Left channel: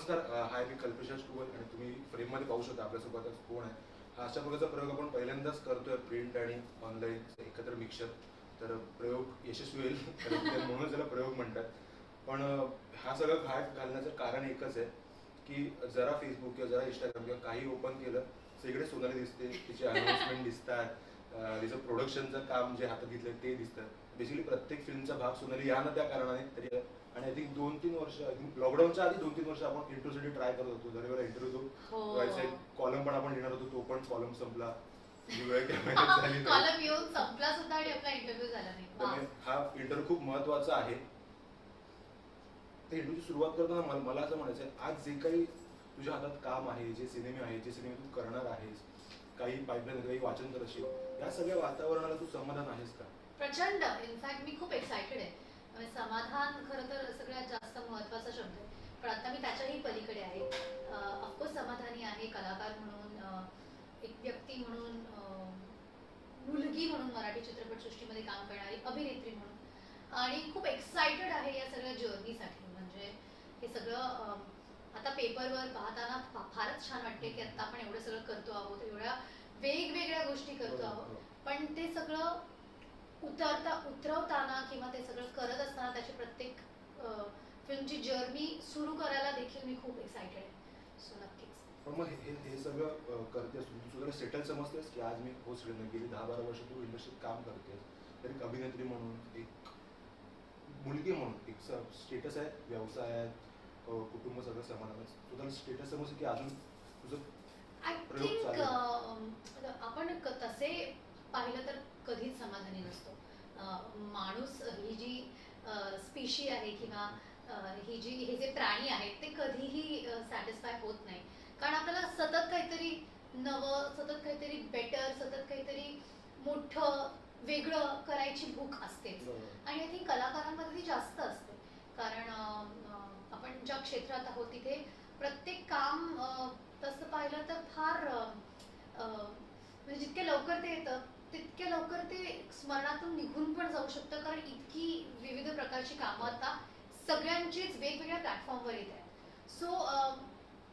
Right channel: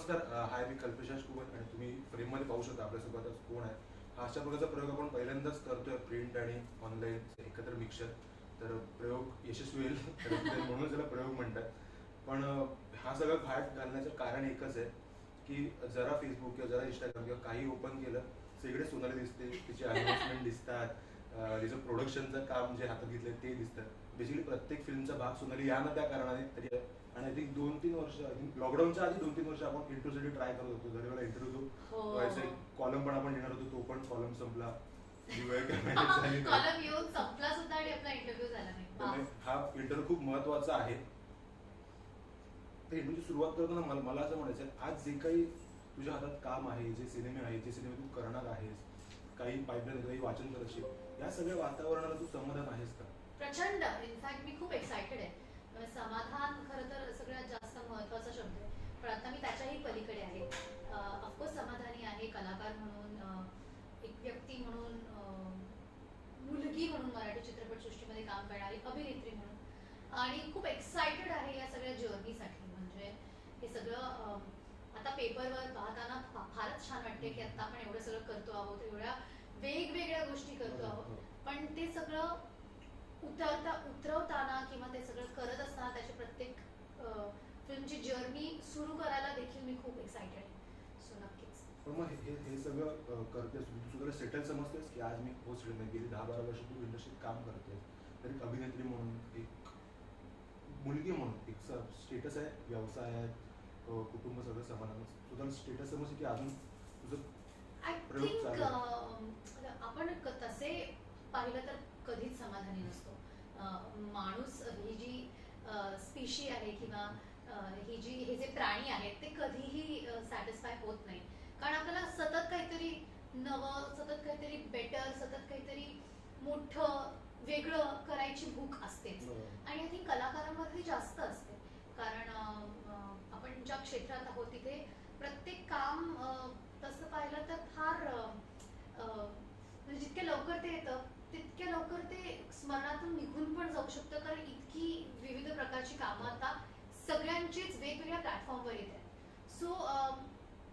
नमस्कार. हाय, मी कल्पेश कुबल आणि तुम्ही फ्रेममध्ये पाहू शकता आपल्यासोबतच कोण आहे. हा अशा प्रकारचा प्रयोग आपण पहिल्यांदाच करतोय, प्रिंट आणि ऑनलाईन एकत्र मिक्सचर. तर प्रयोग यशस्वी होईल तर म्हणूनच त्याला प्रयोग म्हणतात. पण हा सगळं घाट घालण्याचं कारण एकच आहे की जरा फेसबुक किंवा जरा इंस्टाग्राम किंवा काही ओपन केलं, सगळे सोनाली दिसते, तिचे अनाउन्समेंट दिसतात, तिचं प्रोडक्शनचं काम जे हातात घेतलंय ते दिसतं. बेसिकली प्रत्येक फिल्मचा भाग सोनाली या ना त्या कारणाने तरी. आणि आय थिंक 2-3 वर्ष, आय थिंक लॉकडाऊनच्या आधी 2-3 वर्ष आपण इंटरव्ह्यूसाठी ट्राय करत होतो. घरी इंटरव्ह्यू व्हायचा, एक कॉलम पण आपण लिहिणार होतो, तो पण कॉलम संपला. कॉलम येऊन संपला सुद्धा आणि आपला इंटरव्ह्यू झाला नाही. हा इंटरव्ह्यू खूप महत्वाचा आहे. इंटरव्ह्यूची सुरुवात करताना मला असं म्हणायचं आहे, आज जे काही तुझ्या हातात काम आहे, जे सिनेमे आहेत, जे सिनेमे तू करणार आहेस, काही पाईपलाईन, काही वाचन करत असेल, या सगळ्या वातावरणाला तू समाधान आहेस का? प्रचंड. इनफॅक्ट मी खूप एक्सायटेड आहे. समाधान खरं तर सगळ्यात जास्त महत्वाचा शब्द आहे, पण आता मी त्याच्याही पलीकडे आहे. ऑफकोर्स समाधानी आहे, कलाकार म्हणून, एक व्यक्ती म्हणून, मुलगी म्हणून, मराठी चित्रपटसृष्टीमध्ये काम करणारी अभिनेत्री म्हणून, आणि खूप एक्सायटेड आहे या सगळ्या जर्नीसाठी. म्हणजे हे सगळं आता पेपरवर पाहताना फारच छान वाटते की आता आपण एवढं सगळं करतो आहोत, एवढ्या वेगवेगळ्या गोष्टी करतो आहोत, पण ते सगळं उतरवताना किंवा ते सगळं करत असताना त्याची प्रत्येक फिल्मची जर्नी सुरू करायला देखील मी खूप एक्सायटेड आहे. सो नक्कीच. पण मग हे सगळं करतेस तू सुद्धा सेटल समजतेस की आज मी पोस्ट गेली 10-12 वर्ष तू इंडस्ट्रीत काम करतेस, तर एक अभिनेत्री म्हणून, एक मुलगी म्हणून, एक स्टेटस आहे, व्यवसाय आहे, कुटुंब सगळं समाधान, तुझा स्टेटस समजते की अजून तुझं आय थिंक आपण तसे पाहिलं तर कधीच समाधानी नसतो. माणूस ही जी स्पीशी आहे किंवा हे जे प्राणी आहेत ते कधीही सॅटिस्फाय होत नाही, कारण आपल्याला सतत काहीतरी नवं, सतत काहीतरी बेटर, सतत काहीतरी मोठं वेगळं करायची भूक असते. आणि आय थिंक कलाकारांमध्ये ती जास्त असते, कारण आपण ज्या क्षेत्रात आहोत तिथे प्रत्येक काम तसं पाहिलं तर फार म्हणजे जितके लवकर ते येतं तितक्या लवकर ते स्मरणातून निघून पण जाऊ शकतं, कारण इतकी विविध प्रकारची कामं आता सगळ्यांचीच वेगवेगळ्या प्लॅटफॉर्मवर येत आहेत. सो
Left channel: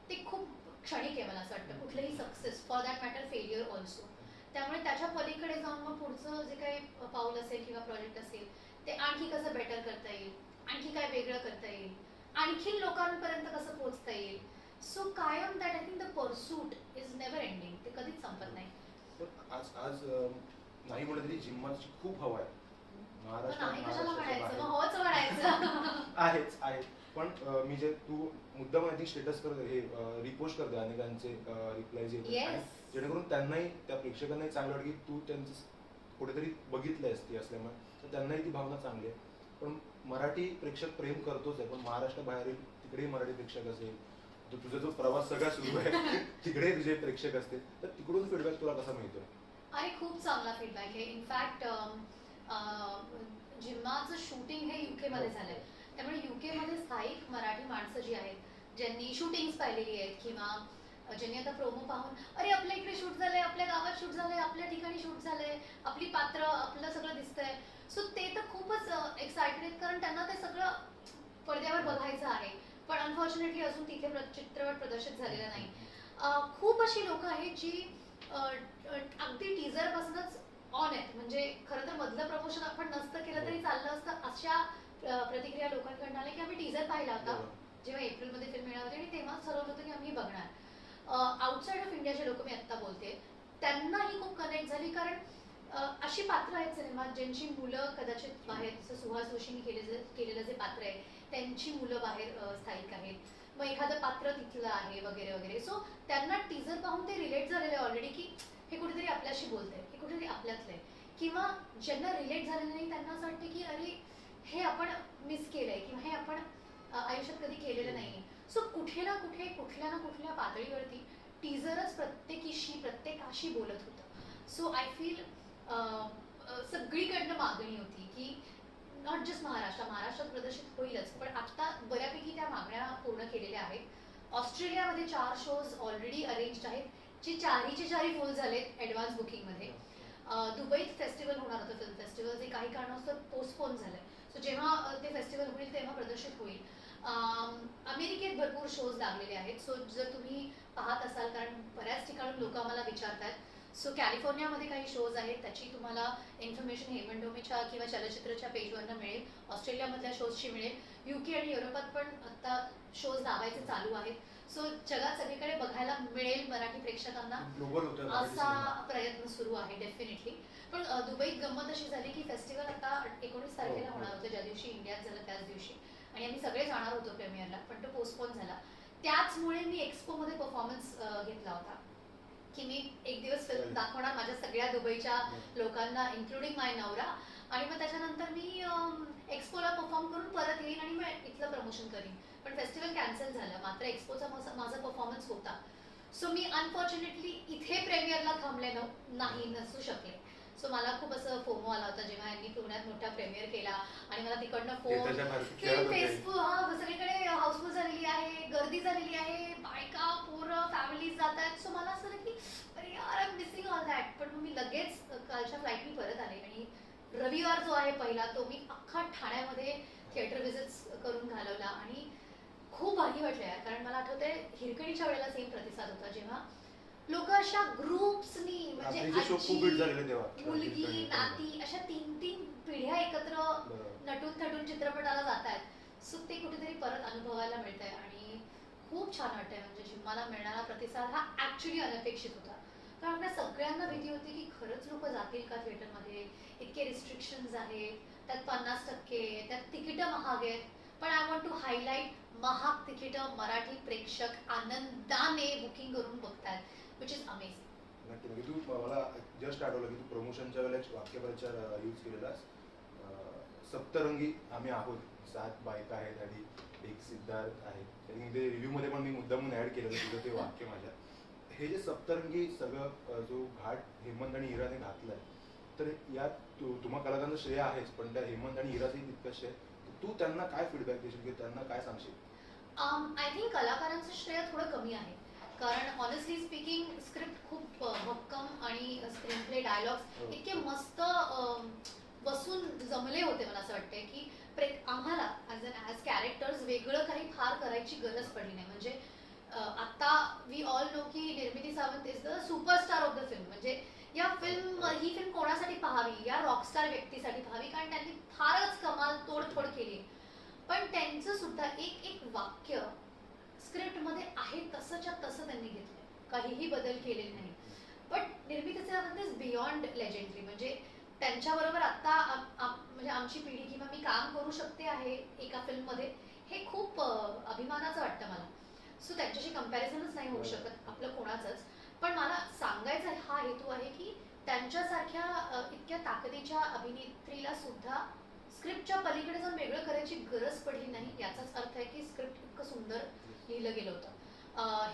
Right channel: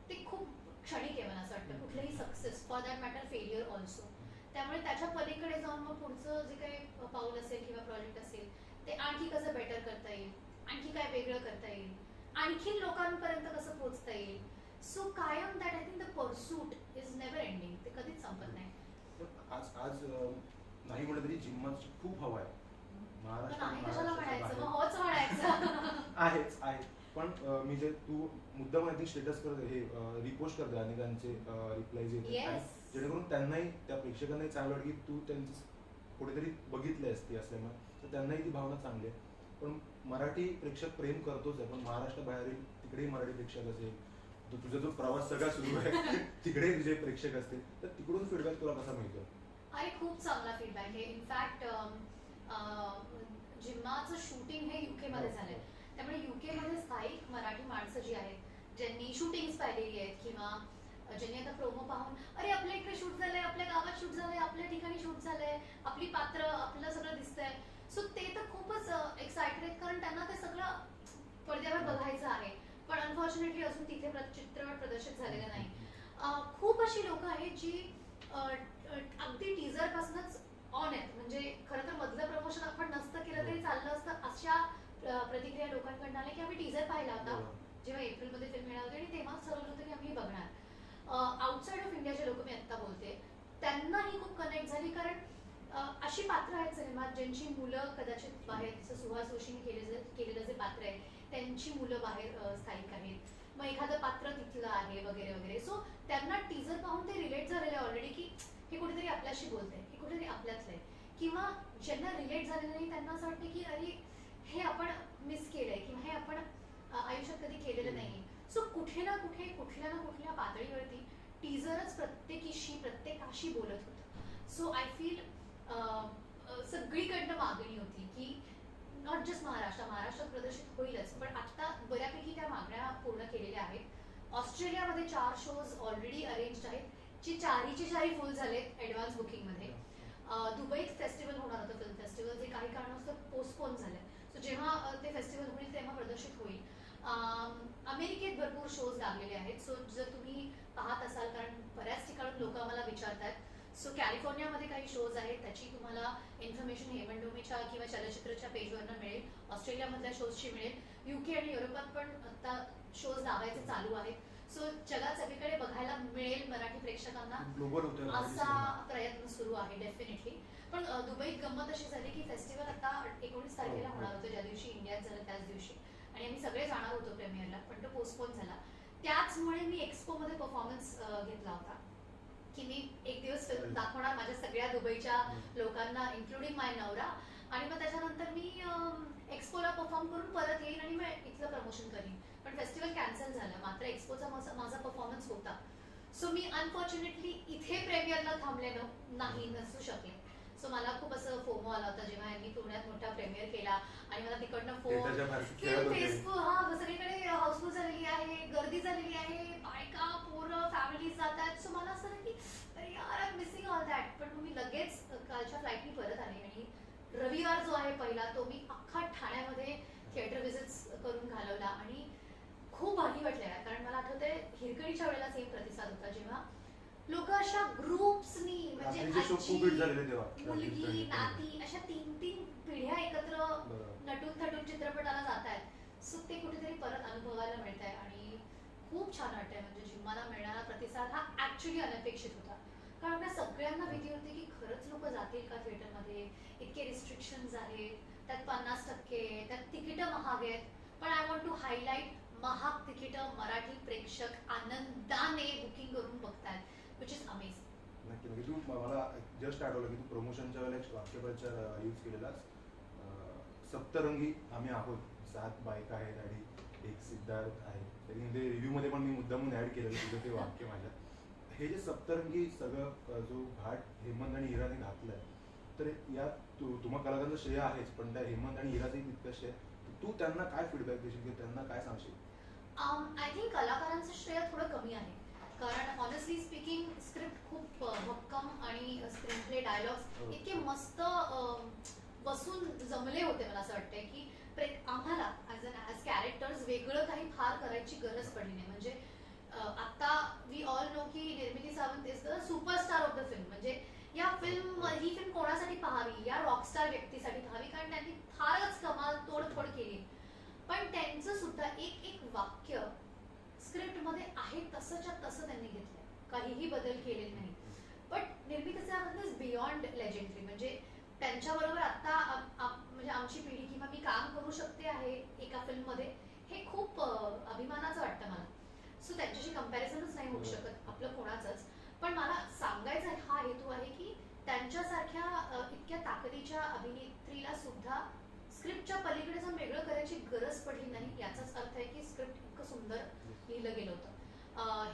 ते खूप क्षणिक आहे मला असं वाटतं, कुठलंही success, for that matter failure also. त्यामुळे त्याच्या पलीकडे जाऊन मग पुढचं जे काही पाऊल असेल किंवा प्रोजेक्ट असेल ते आणखी कसं बेटर करता येईल, आणखी काय वेगळं करता येईल, आणखी लोकांपर्यंत कसं पोहोचता येईल. सो कायम that I think the pursuit is never ending, ते कधीच संपत नाही. आज आज नाही म्हटलं तरी जिम्माची खूप हवा आहे आहेच आहे. पण मी जे तू मुद्दा माहिती स्टेटस करते, हे रिपोस्ट करते, अनेकांचे रिप्लायज येतात, जेणेकरून त्यांनाही, त्या प्रेक्षकांनाही चांगलं वाटतं की तू त्यांचं कुठेतरी बघितलंय असते असल्यामुळे, तर त्यांनाही ती भावना चांगली आहे. पण मराठी प्रेक्षक प्रेम करतोच आहे, पण महाराष्ट्राबाहेरील तिकडेही मराठी प्रेक्षक असेल, तर तुझा जो प्रवास सगळा सुरू आहे तिकडे तुझे प्रेक्षक असतील, तर तिकडून फीडबॅक तुला कसा मिळतो? अरे खूप चांगला फीडबॅक आहे. इनफॅक्ट जिम्माचं शूटिंग हे युके मध्ये झालंय, त्यामुळे युके मध्ये स्थायिक मराठी माणसं जी आहेत, ज्यांनी शूटिंग्स पाहिलेली आहेत किंवा ज्यांनी आता प्रोमो पाहून अरे आपल्या इकडे शूट झालंय, आपल्या गावात शूट झालंय, आपल्या ठिकाणी शूट झालंय, आपली पात्र, आपलं सगळं दिसतंय, सो ते तर खूपच एक्सायटेड आहेत, कारण त्यांना ते सगळं पडद्यावर बघायचं आहे. पण अनफॉर्च्युनेटली अजून तिथे चित्रपट प्रदर्शित झालेला नाही. खूप अशी लोक आहेत जी अगदी टीजर पासूनच ऑन आहेत, म्हणजे खरं तर मधलं प्रमोशन आपण नसतं केलं तरी चाललं असतं, अशा प्रतिक्रिया लोकांकडून आल्या की आम्ही टीजर पाहिला होता जेव्हा एप्रिलमध्ये फिल्म मिळाली होती आणि तेव्हाच ठरवलं होतं की आम्ही बघणार. आउटसाइड ऑफ इंडियाचे लोक मी आत्ता बोलते, त्यांनाही खूप कनेक्ट झाली, कारण अशी पात्र आहेत सिनेमात ज्यांची मुलं कदाचित बाहेर, जसं सुहास जोशींनी केलेलं जे पात्र आहे त्यांची मुलं बाहेर स्थायिक आहेत, मग एखादं पात्र तिथलं आहे वगैरे वगैरे. सो त्यांना टीजर पाहून ते रिलेट झालेले ऑलरेडी की हे कुठेतरी आपल्याशी बोलतंय, हे कुठेतरी आपल्यातलं आहे. किंवा ज्यांना रिलेट झालेलं नाही त्यांना असं वाटतं की अरे हे आपण मिस केलंय किंवा हे आपण आयुष्यात कधी केलेलं नाहीये. सो कुठे ना कुठे, कुठल्या ना कुठल्या पातळीवरती टीजरच प्रत्येकाशी बोलत होतं. सो आय फील सगळीकडनं मागणी होती की नॉट जस्ट महाराष्ट्रात प्रदर्शित होईलच, पण आता बऱ्यापैकी त्या मागण्या पूर्ण केलेल्या आहेत. ऑस्ट्रेलियामध्ये 4 शोज ऑलरेडी अरेंज आहेत, जे चारीचे चारी फुल झालेत ॲडव्हान्स बुकिंगमध्ये. दुबईत फेस्टिवल होणार होतं, फिल्म फेस्टिवल, जे काही कारणास्तव पोस्टपोन झालंय. सो जेव्हा ते फेस्टिवल होईल तेव्हा प्रदर्शित होईल. अमेरिकेत भरपूर शोज लागलेले आहेत. सो जर तुम्ही पाहत असाल, कारण बऱ्याच ठिकाणून लोक आम्हाला विचारतात, सो कॅलिफोर्नियामध्ये काही शोज आहेत, त्याची तुम्हाला इन्फॉर्मेशन हेमन डोमेच्या किंवा चलचित्रच्या पेजवरनं मिळेल. ऑस्ट्रेलियामधल्या शोजची मिळेल. UK आणि युरोपात पण आता शोज लावायचे चालू आहेत. सो जगात सगळीकडे बघायला मिळेल मराठी प्रेक्षकांना, ग्लोबल होतं असा प्रयत्न सुरू आहे डेफिनेटली. पण दुबईत गंमत अशी झाली की फेस्टिवल आता 19 तारखेला होणार होतं, ज्या दिवशी इंडियात झालं त्याच दिवशी, आणि आम्ही सगळे जाणार होतो प्रीमियरला, पण तो पोस्टपोन झाला. त्याचमुळे मी एक्स्पोमध्ये परफॉर्मन्स घेतला होता की मी एक दिवस फिल्म दाखवणार माझ्या सगळ्या दुबईच्या लोकांना, इन्क्लुडिंग माय नवरा, आणि मग त्याच्यानंतर मी एक्स्पोला परफॉर्म करून परत येईन आणि मग इथलं प्रमोशन करीन. पण फेस्टिवल कॅन्सल झालं, मात्र एक्स्पोचा माझा परफॉर्मन्स होता. सो मी अनफॉर्च्युनेटली इथे प्रेमियरला थांबले नसू शकले. सो मला खूप असं फोमो आला होता जेव्हा यांनी पुण्यात मोठा प्रेमियर केला आणि मला तिकडनं फोन फेसबुक, हा सगळीकडे हाऊसफुल झालेली आहे, गर्दी झालेली आहे, बायका पोरं फॅमिलीज जात आहेत. सो मला असं झालं की अरे यार, I am missing all that. पण मी लगेच कालच्या फ्लाईटनी परत आले आणि रविवार जो आहे पहिला, तो मी अख्खा ठाण्यामध्ये थिएटर व्हिजिट्स करून घालवला आणि खूप भारी वाटलं यार. कारण मला आठवतंय हिरकणीच्या वेळेला सेम प्रतिसाद होता, जेव्हा लोक अशा ग्रुप्सनी, म्हणजे मुलगी नाती अशा 3-3 पिढ्या एकत्र नटून थटून चित्रपटाला जात आहेत. सो ते कुठेतरी परत अनुभवायला मिळत आहे आणि खूप छान वाटतंय. म्हणजे जिम्माला मिळणारा प्रतिसाद हा ऍक्च्युली अनपेक्षित होता, कारण आपल्या सगळ्यांना भीती होती की खरंच लोक जातील का थिएटरमध्ये, इतके रिस्ट्रिक्शन्स आहेत, त्यात 50%, त्यात तिकीटं महाग आहेत. पण आय वॉन्ट टू हायलाइट, महाग तिकीटं मराठी प्रेक्षक आनंदाने बुकिंग करून बघतात, विच इज अमेझिंग. नक्की नक्की. तू मला जस्ट आठवलं की तू प्रमोशनच्या वेळेला एक वाक्यप्रचार यूज केलेलास, सप्तरंगी आम्ही आहोत, 7 बायका आहेत आणि एक सिद्धार्थ आहे. ते रिव्ह्यूमध्ये पण मी मुद्दामून ॲड केलेलं तुझं ते वाक्य माझ्या. हे जे सप्तरंगी सगळं जो घाट हेमंत आणि इराने घातलाय, तर यात तुम्हा कलाकारांचं श्रेय आहेच, पण त्या हेमंत आणि इराचंही तितकंच श्रेय. तू त्यांना काय फीडबॅक देशील की त्यांना काय सांगशील? आय थिंक कलाकारांचं श्रेय थोडं कमी आहे, कारण ऑनेस्टली स्पीकिंग स्क्रिप्ट खूप भक्कम आणि स्क्रीन प्ले डायलॉग्स इतके मस्त बसून जमले होते. मला असं वाटतंय की आम्हाला ॲज कॅरेक्टर्स वेगळं काही फार करायची गरज पडली नाही. म्हणजे आता वी ऑल नो की निर्मिती Sawant is the superstar of the film. म्हणजे ही फिल्म कोणासाठी पाहावी, या रॉकस्टार व्यक्तीसाठी पाहावी, कारण त्यांनी फारच कमाल तोडफोड केली. पण त्यांचं सुद्धा एक एक वाक्य स्क्रिप्टमध्ये आहे तसंच्या तसं त्यांनी घेतलंय, काहीही बदल केलेले नाही. बट निर्मिती सावंत इज बियॉन्ड लेजेंडरी. म्हणजे त्यांच्याबरोबर आता म्हणजे आमची पिढी किंवा मी काम करू शकते आहे एका फिल्ममध्ये, हे खूप अभिमानाचं वाटतं मला. सो त्यांच्याशी कम्पॅरिझनच नाही होऊ शकत आपलं कोणाचंच. पण मला सांगायचा हा हेतू आहे की त्यांच्यासारख्या इतक्या ताकदीच्या अभिनेत्रीला सुद्धा स्क्रिप्टच्या पलीकडे जाऊन वेगळं करायची गरज पडली नाही. याचाच अर्थ आहे की स्क्रिप्ट इतकं सुंदर लिहिलं गेलं होतं.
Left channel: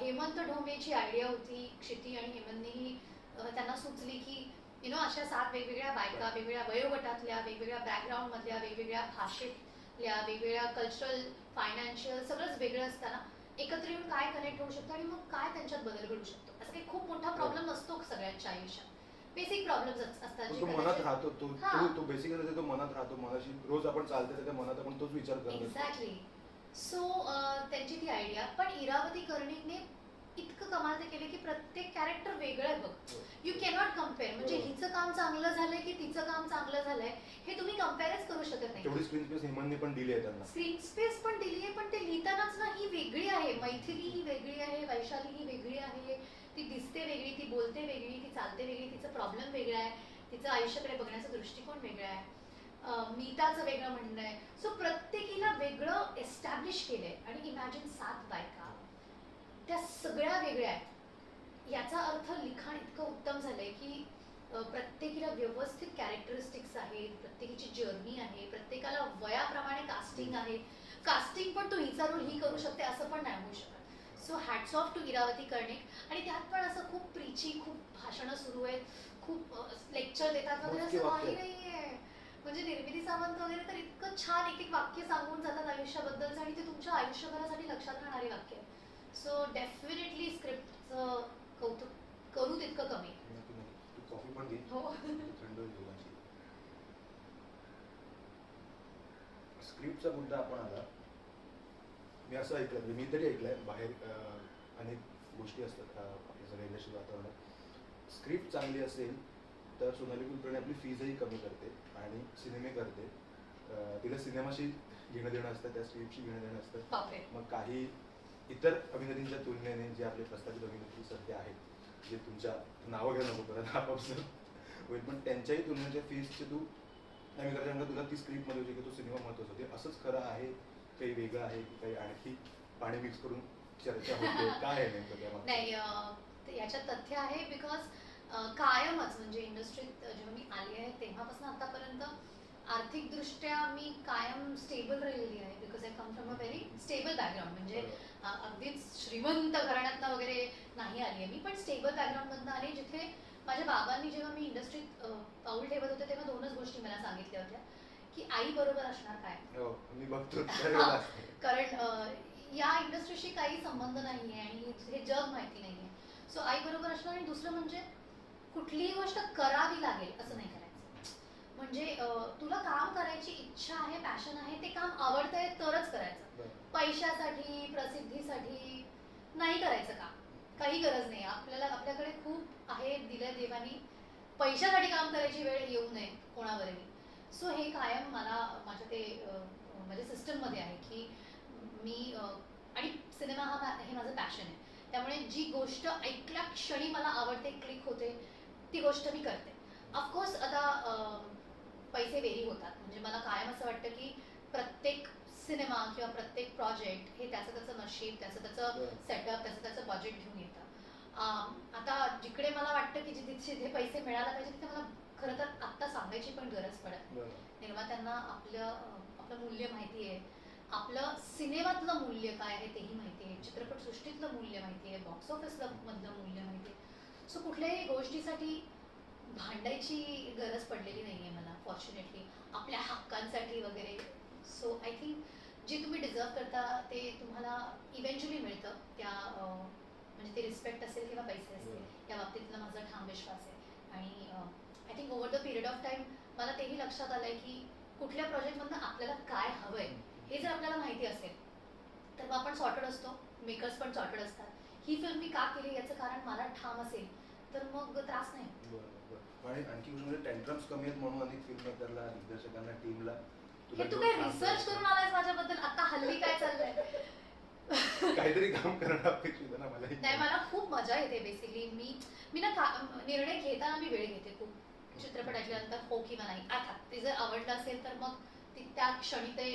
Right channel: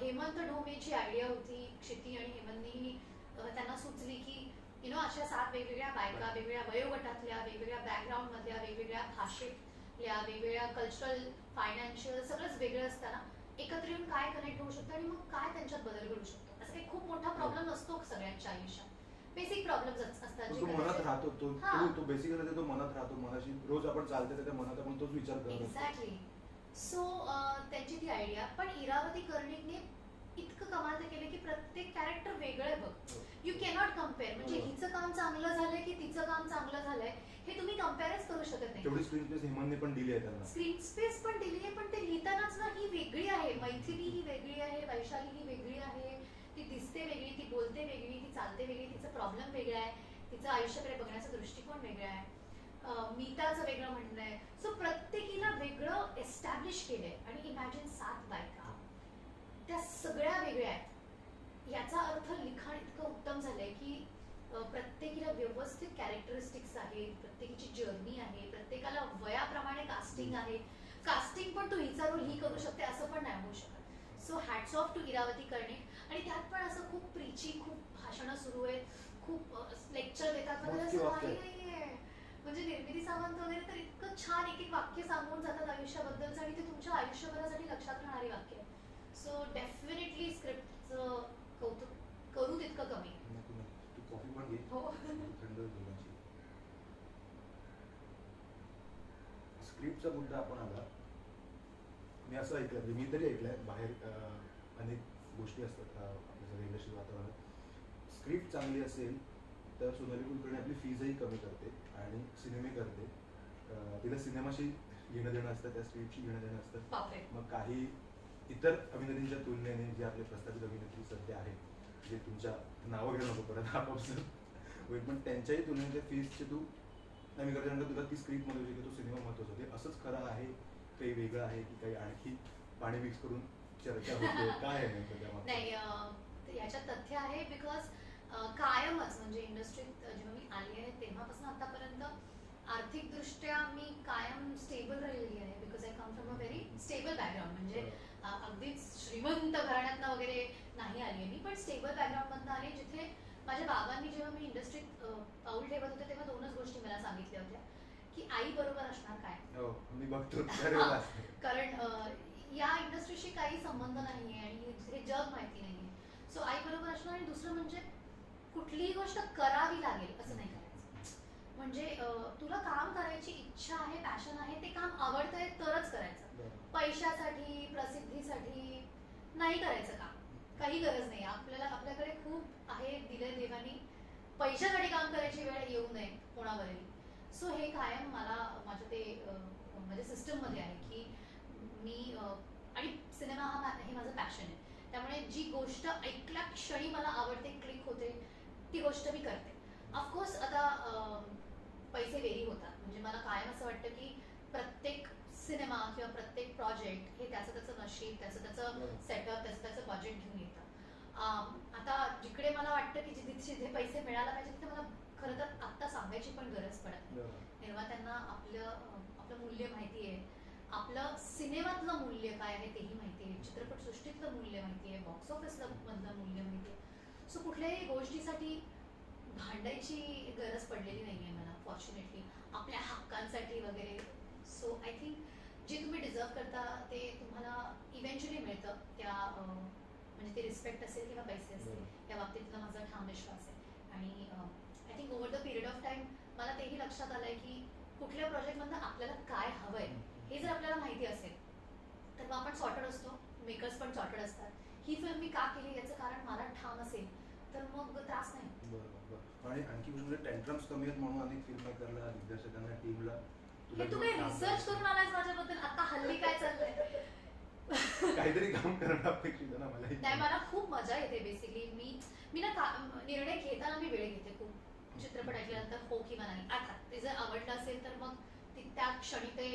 हेमंत ढोमेची आयडिया होती, क्षिती आणि हेमंतनीही त्यांना सुचली की अशा 7 वेगवेगळ्या बायका, वेगवेगळ्या वयोगटातल्या, वेगवेगळ्या बॅकग्राऊंडमधल्या, वेगवेगळ्या भाषेतल्या, वेगवेगळ्या कल्चरल, फायनान्शियल सगळंच वेगळं असताना एकत्र येऊन काय कनेक्ट होऊ शकतं आणि मग काय त्यांच्यात बदल घडू शकतो. असं काही खूप मोठा प्रॉब्लेम नसतो सगळ्यांच्या आयुष्यात, बेसिक प्रॉब्लेम्स असतात तो मनात राहतो. तो बेसिकली तो मनात राहतो, मनाशी रोज आपण चालते त्याच्या मनात आपण तोच विचार करतो. एक्झॅक्टली. सो त्यांची ती आयडिया. पण इरावती कर्णिकने इतकं कमाल ते केले की प्रत्येक कॅरेक्टर वेगळं आहे बघ. You cannot compare. म्हणजे हिचं काम चांगलं झालंय की तिचं काम चांगलं झालंय हे तुम्ही कम्पेअरच करू शकत नाही. तेवढी स्क्रीन स्पेस हेमंतने पण दिली आहे त्यांना. स्क्रीन स्पेस पण दिली आहे, पण ते लिहितानाच ना ही वेगळी आहे. मैथिली ही वेगळी आहे, वैशाली ही वेगळी आहे, ती दिसते वेगळी, ती बोलते वेगळी, ती चालते वेगळी, तिचं प्रॉब्लेम वेगळा आहे, तिचं आयुष्याकडे बघण्याचा दृष्टिकोन वेगळा आहे, मीताचं वेगळं म्हणणं आहे. सो प्रत्येकीला वेगळं एस्टॅब्लिश केलंय. आणि इमॅजिन 7 बायका, त्या सगळ्या वेगळ्या आहेत. याचा अर्थ लिखाण इतकं उत्तम झालंय की प्रत्येकीला व्यवस्थित कॅरेक्टरिस्टिक्स आहेत, प्रत्येकीची जर्नी आहे, प्रत्येकाला वयाप्रमाणे कास्टिंग आहे. कास्टिंग पण तू हिचा रोल ही करू शकते असं पण नाही होऊ शकत. So hats off to Iravati Karnik. आणि त्यात पण असं खूप प्रीची, खूप भाषणं सुरू आहेत, खूप लेक्चर देतात वगैरे, असं काही नाहीये. म्हणजे निर्मिती सावंत वगैरे तर इतकं छान एक एक वाक्य सांगून जातात आयुष्याबद्दलचं, आणि ते तुमच्या आयुष्यभरासाठी लक्षात राहणारी वाक्य. सो डेफिनेटली स्क्रिप्टचं कौतुक करू तितकं कमी. तू कॉफी पण घे. हो. थंड दोघांची. स्क्रिप्टचा मुद्दा आपण आला. मी असं ऐकलं, म्हणजे मी तरी ऐकलंय बाहेर अनेक गोष्टी असतात आपल्या सगळ्या इंडस्ट्री वातावरणात. स्क्रिप्ट चांगली असेल तर सोनाली कुलकर्णी आपली फीजही कमी करते आणि सिनेमे करते. तिला सिनेमाशी घेणं देणं असतं, त्या स्क्रिप्टशी घेणं देणं असतं. बापरे. मग काही इतर अभिनेत्रींच्या तुलनेने जे आपले प्रस्थापित अभिनेत्री सध्या आहेत, जे तुमच्या नावं घेऊ नको परत आपापसात होईल, पण त्यांच्याही तुलनेच्या फीजचे तू नाही मी करता तुला ती स्क्रिप्टमध्ये होती की तो सिनेमा महत्त्वाचा होते. असंच खरं आहे, काही वेगळं आहे की काही आणखी पाणी मिक्स करून चर्चा होते, काय आहे नेमकं त्यामध्ये? नाही, याच्यात तथ्य आहे बिकॉज कायमच म्हणजे इंडस्ट्रीत जेव्हा मी आली आहे तेव्हापासून आतापर्यंत आर्थिकदृष्ट्या मी कायम स्टेबल राहिलेली आहे because I come from a very stable background. म्हणजे अगदीच श्रीमंत घराण्यातनं वगैरे नाही आली आहे मी, पण स्टेबल बॅकग्राऊंडमधनं आली जिथे माझ्या बाबांनी जेव्हा मी इंडस्ट्रीत पाऊल ठेवत होते तेव्हा दोनच गोष्टी मला सांगितल्या होत्या की आई बरोबर असणार काय. हो, मी बघतो त्यावेळेला असते. कारण या इंडस्ट्रीशी काही संबंध नाहीये आणि हे जग माहिती नाहीये. सो आई बरोबर असणार आणि दुसरं म्हणजे कुठलीही गोष्ट करावी लागेल असं नाही करायचं. म्हणजे तुला काम करायची इच्छा आहे, पॅशन आहे, ते काम आवडतंय तरच करायचं. बरं. पैशासाठी प्रसिद्धीसाठी नाही करायचं काम. काही गरज नाही. आपल्याकडे खूप आहे दिलंय देवानी. पैशासाठी काम करायची वेळ येऊ नये कोणावरही. सो हे कायम मला माझ्या ते माझ्या सिस्टममध्ये आहे की मी आणि सिनेमा हे माझं पॅशन आहे. त्यामुळे जी गोष्ट ऐकल्या क्षणी मला आवडते, क्लिक होते, ती गोष्ट मी करते. ऑफकोर्स आता पैसे वेरी होतात. म्हणजे मला कायम असं वाटतं की प्रत्येक सिनेमा किंवा प्रत्येक प्रोजेक्ट हे त्याचं नशीब, त्याचं सेटअप, त्याचं बजेट घेऊन येतं. आता जिकडे मला वाटतं की जिथे पैसे मिळायला पाहिजे तिथे मला खरं तर आत्ता सांगायची पण गरज पडत नाही. निर्मात्यांना आपलं मूल्य माहिती आहे, आपलं सिनेमातलं मूल्य काय आहे तेही माहिती आहे, चित्रपटसृष्टीतलं मूल्य माहिती आहे, बॉक्स ऑफिसला मधलं मूल्य माहिती आहे. सो कुठल्याही गोष्टीसाठी भांडायची गरज पडलेली नाहीये मला फॉर्च्युनेटली, आपल्या हक्कांसाठी वगैरे. सो आय थिंक जे तुम्ही डिझर्व करता ते तुम्हाला इव्हेंच्युअली मिळतं. त्या म्हणजे ते रिस्पेक्ट असेल किंवा पैसे असतील या बाबतीतला माझा ठाम विश्वास आहे. आणि I think over the period of time मला तेही लक्षात आलंय की कुठल्या प्रोजेक्टमधनं आपल्याला काय हवंय हे जर आपल्याला माहिती असेल तर मग आपण सॉर्टेड असतो, मेकर्स पण सॉर्टेड असतात. ही फिल्म मी का केली याचं कारण मला ठाम असेल तर मग त्रास नाही. बरोबर. आणि आणखी गोष्ट म्हणजे टेंट्रम्स कमी आहेत म्हणून अनेक फिल्म मेकरला, दिग्दर्शकांना, टीमला हे तू काही रिसर्च करून आलायस माझ्याबद्दल? आता हल्ली काय चाललंय? काहीतरी काम करणं अपेक्षित आहे ना मला. नाही, मला खूप मजा येते बेसिकली. मी ना निर्णय घेताना मी वेळ घेते खूप. चित्रपट ऐकल्यानंतर हो किंवा नाही. अर्थात ते जर आवडलं असेल तर मग त्या क्षणी ते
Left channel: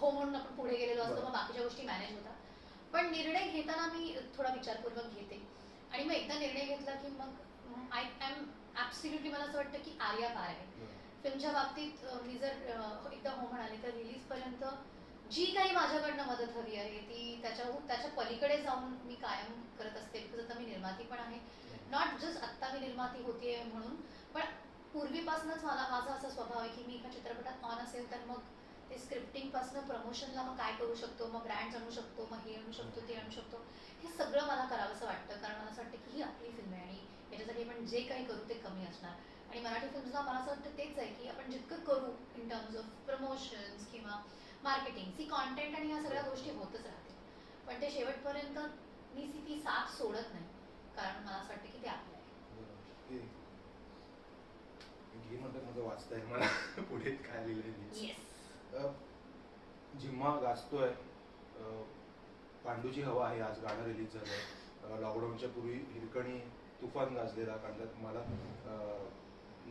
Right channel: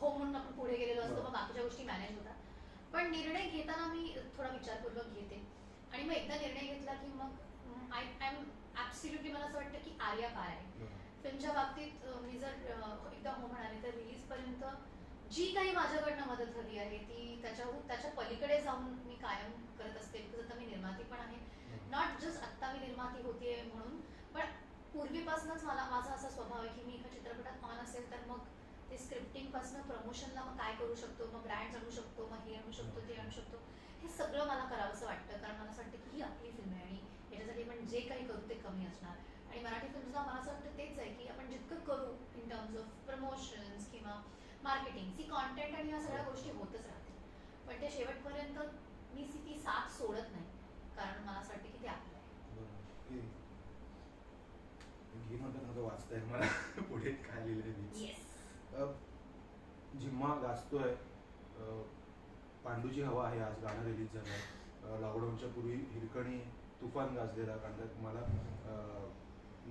हो म्हणून आपण पुढे गेलेलो असतो, मग बाकीच्या गोष्टी मॅनेज होतात. पण निर्णय घेताना मी थोडा विचारपूर्वक घेते आणि मग एकदा निर्णय घेतला की मग आय एम ॲब्सोल्युटली मला असं वाटतं की आर्या पार आहे. फिल्मच्या बाबतीत मी जर एकदा हो म्हणाले तर रिलीजपर्यंत जी काही माझ्याकडनं मदत हवी आहे ती त्याच्या पलीकडे जाऊन मी कायम करत असते. बिकॉज आता मी निर्माती पण आहे. नॉट जस्ट आत्ता मी निर्माती होतीये म्हणून, पण पूर्वीपासूनच माझा असा स्वभाव आहे की मी एका चित्रपटात ऑन असेल तर मग ते स्क्रिप्टिंगपासून प्रमोशनला मग काय करू शकतो, मग ब्रँड्स आणू शकतो, मग हे आणू शकतो, ते आणू शकतो, हे सगळं मला करावंसं वाटतं. कारण मला असं वाटतं की ही आपली फिल्म आहे आणि याच्यासाठी आपण जे काही करू ते कमी असणार. आणि मराठी फिल्मला मला असं वाटतं तेच आहे की आपण जितकं करू इन टर्म्स ऑफ प्रमोशन्स किंवा मार्केटिंग, सी कॉन्टेंट आणि ह्या सगळ्या गोष्टी होतच राहतील, पण ते शेवटपर्यंत मी ती साथ सोडत नाही. कारण मला असं वाटतं की ते आपलं आहे. घे म्हणतात माझं वाचताय मला पुढे काय लिहिलंय. येस. जिम्मा गाजतोय, पांडूची हवा आहे, आज गाणं रिलीज झालंय. लॉकडाऊनच्या पूर्वी हिरकणी तुफान गाजलेला, कारण त्यात मला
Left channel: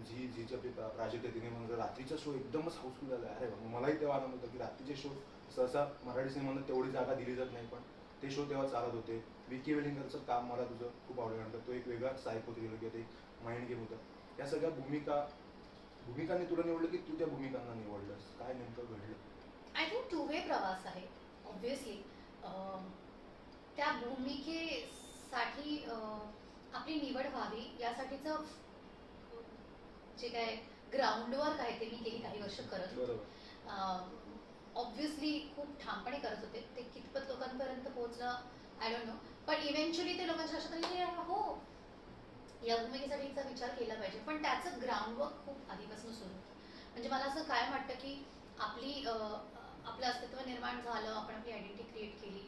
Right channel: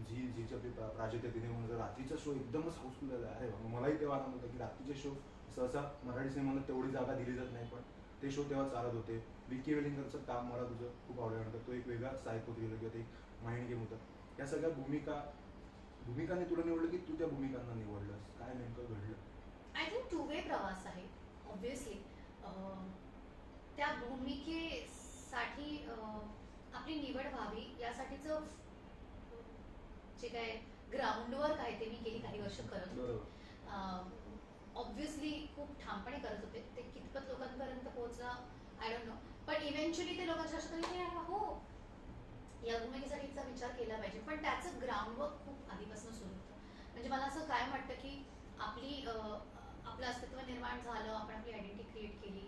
जीचे प्राजक्त आहे तिने म्हणून रात्रीचा शो एकदमच हाऊसफुल झाला. अरे मलाही तेव्हा आनंद होता की रात्रीचे शो सहसा मराठी सिनेमाला तेवढी जागा दिली जात नाही, पण ते शो तेव्हा चालत होते. विकी वेलिंगरचं काम मला तुझं खूप आवडलं. तो एक वेगळा सायको थ्रिलर किंवा ते माइंड गेम होता. या सगळ्या भूमिकांनी तुला निवडलं की तू त्या भूमिकांना निवडलंस? काय नेमकं घडलं? आय थिंक टू वे प्रवास आहे ऑब्व्हियसली. त्या भूमिकेसाठी आपली निवड व्हावी यासाठीचं जे काय ग्राउंडवर्क आहे ते मी गेली काही वर्ष करत होते. ऑब्व्हियसली खूप ठामपणे करत होते. ते कितपत लोकांपर्यंत पोहोचलं आय डोंट नो, पण इव्हेंच्युअली ते लोकांच्या लक्षात आले की हो या भूमिकेसाठीचा विचार केला पाहिजे. पण त्याचं ग्राउंडवर्क खूप आधीपासून सुरू होतं. म्हणजे मला असं कायम वाटतं की आपली आपलं अस्तित्व निर्माण झालं, आपण आपली आयडेंटिटी क्रिएट केली,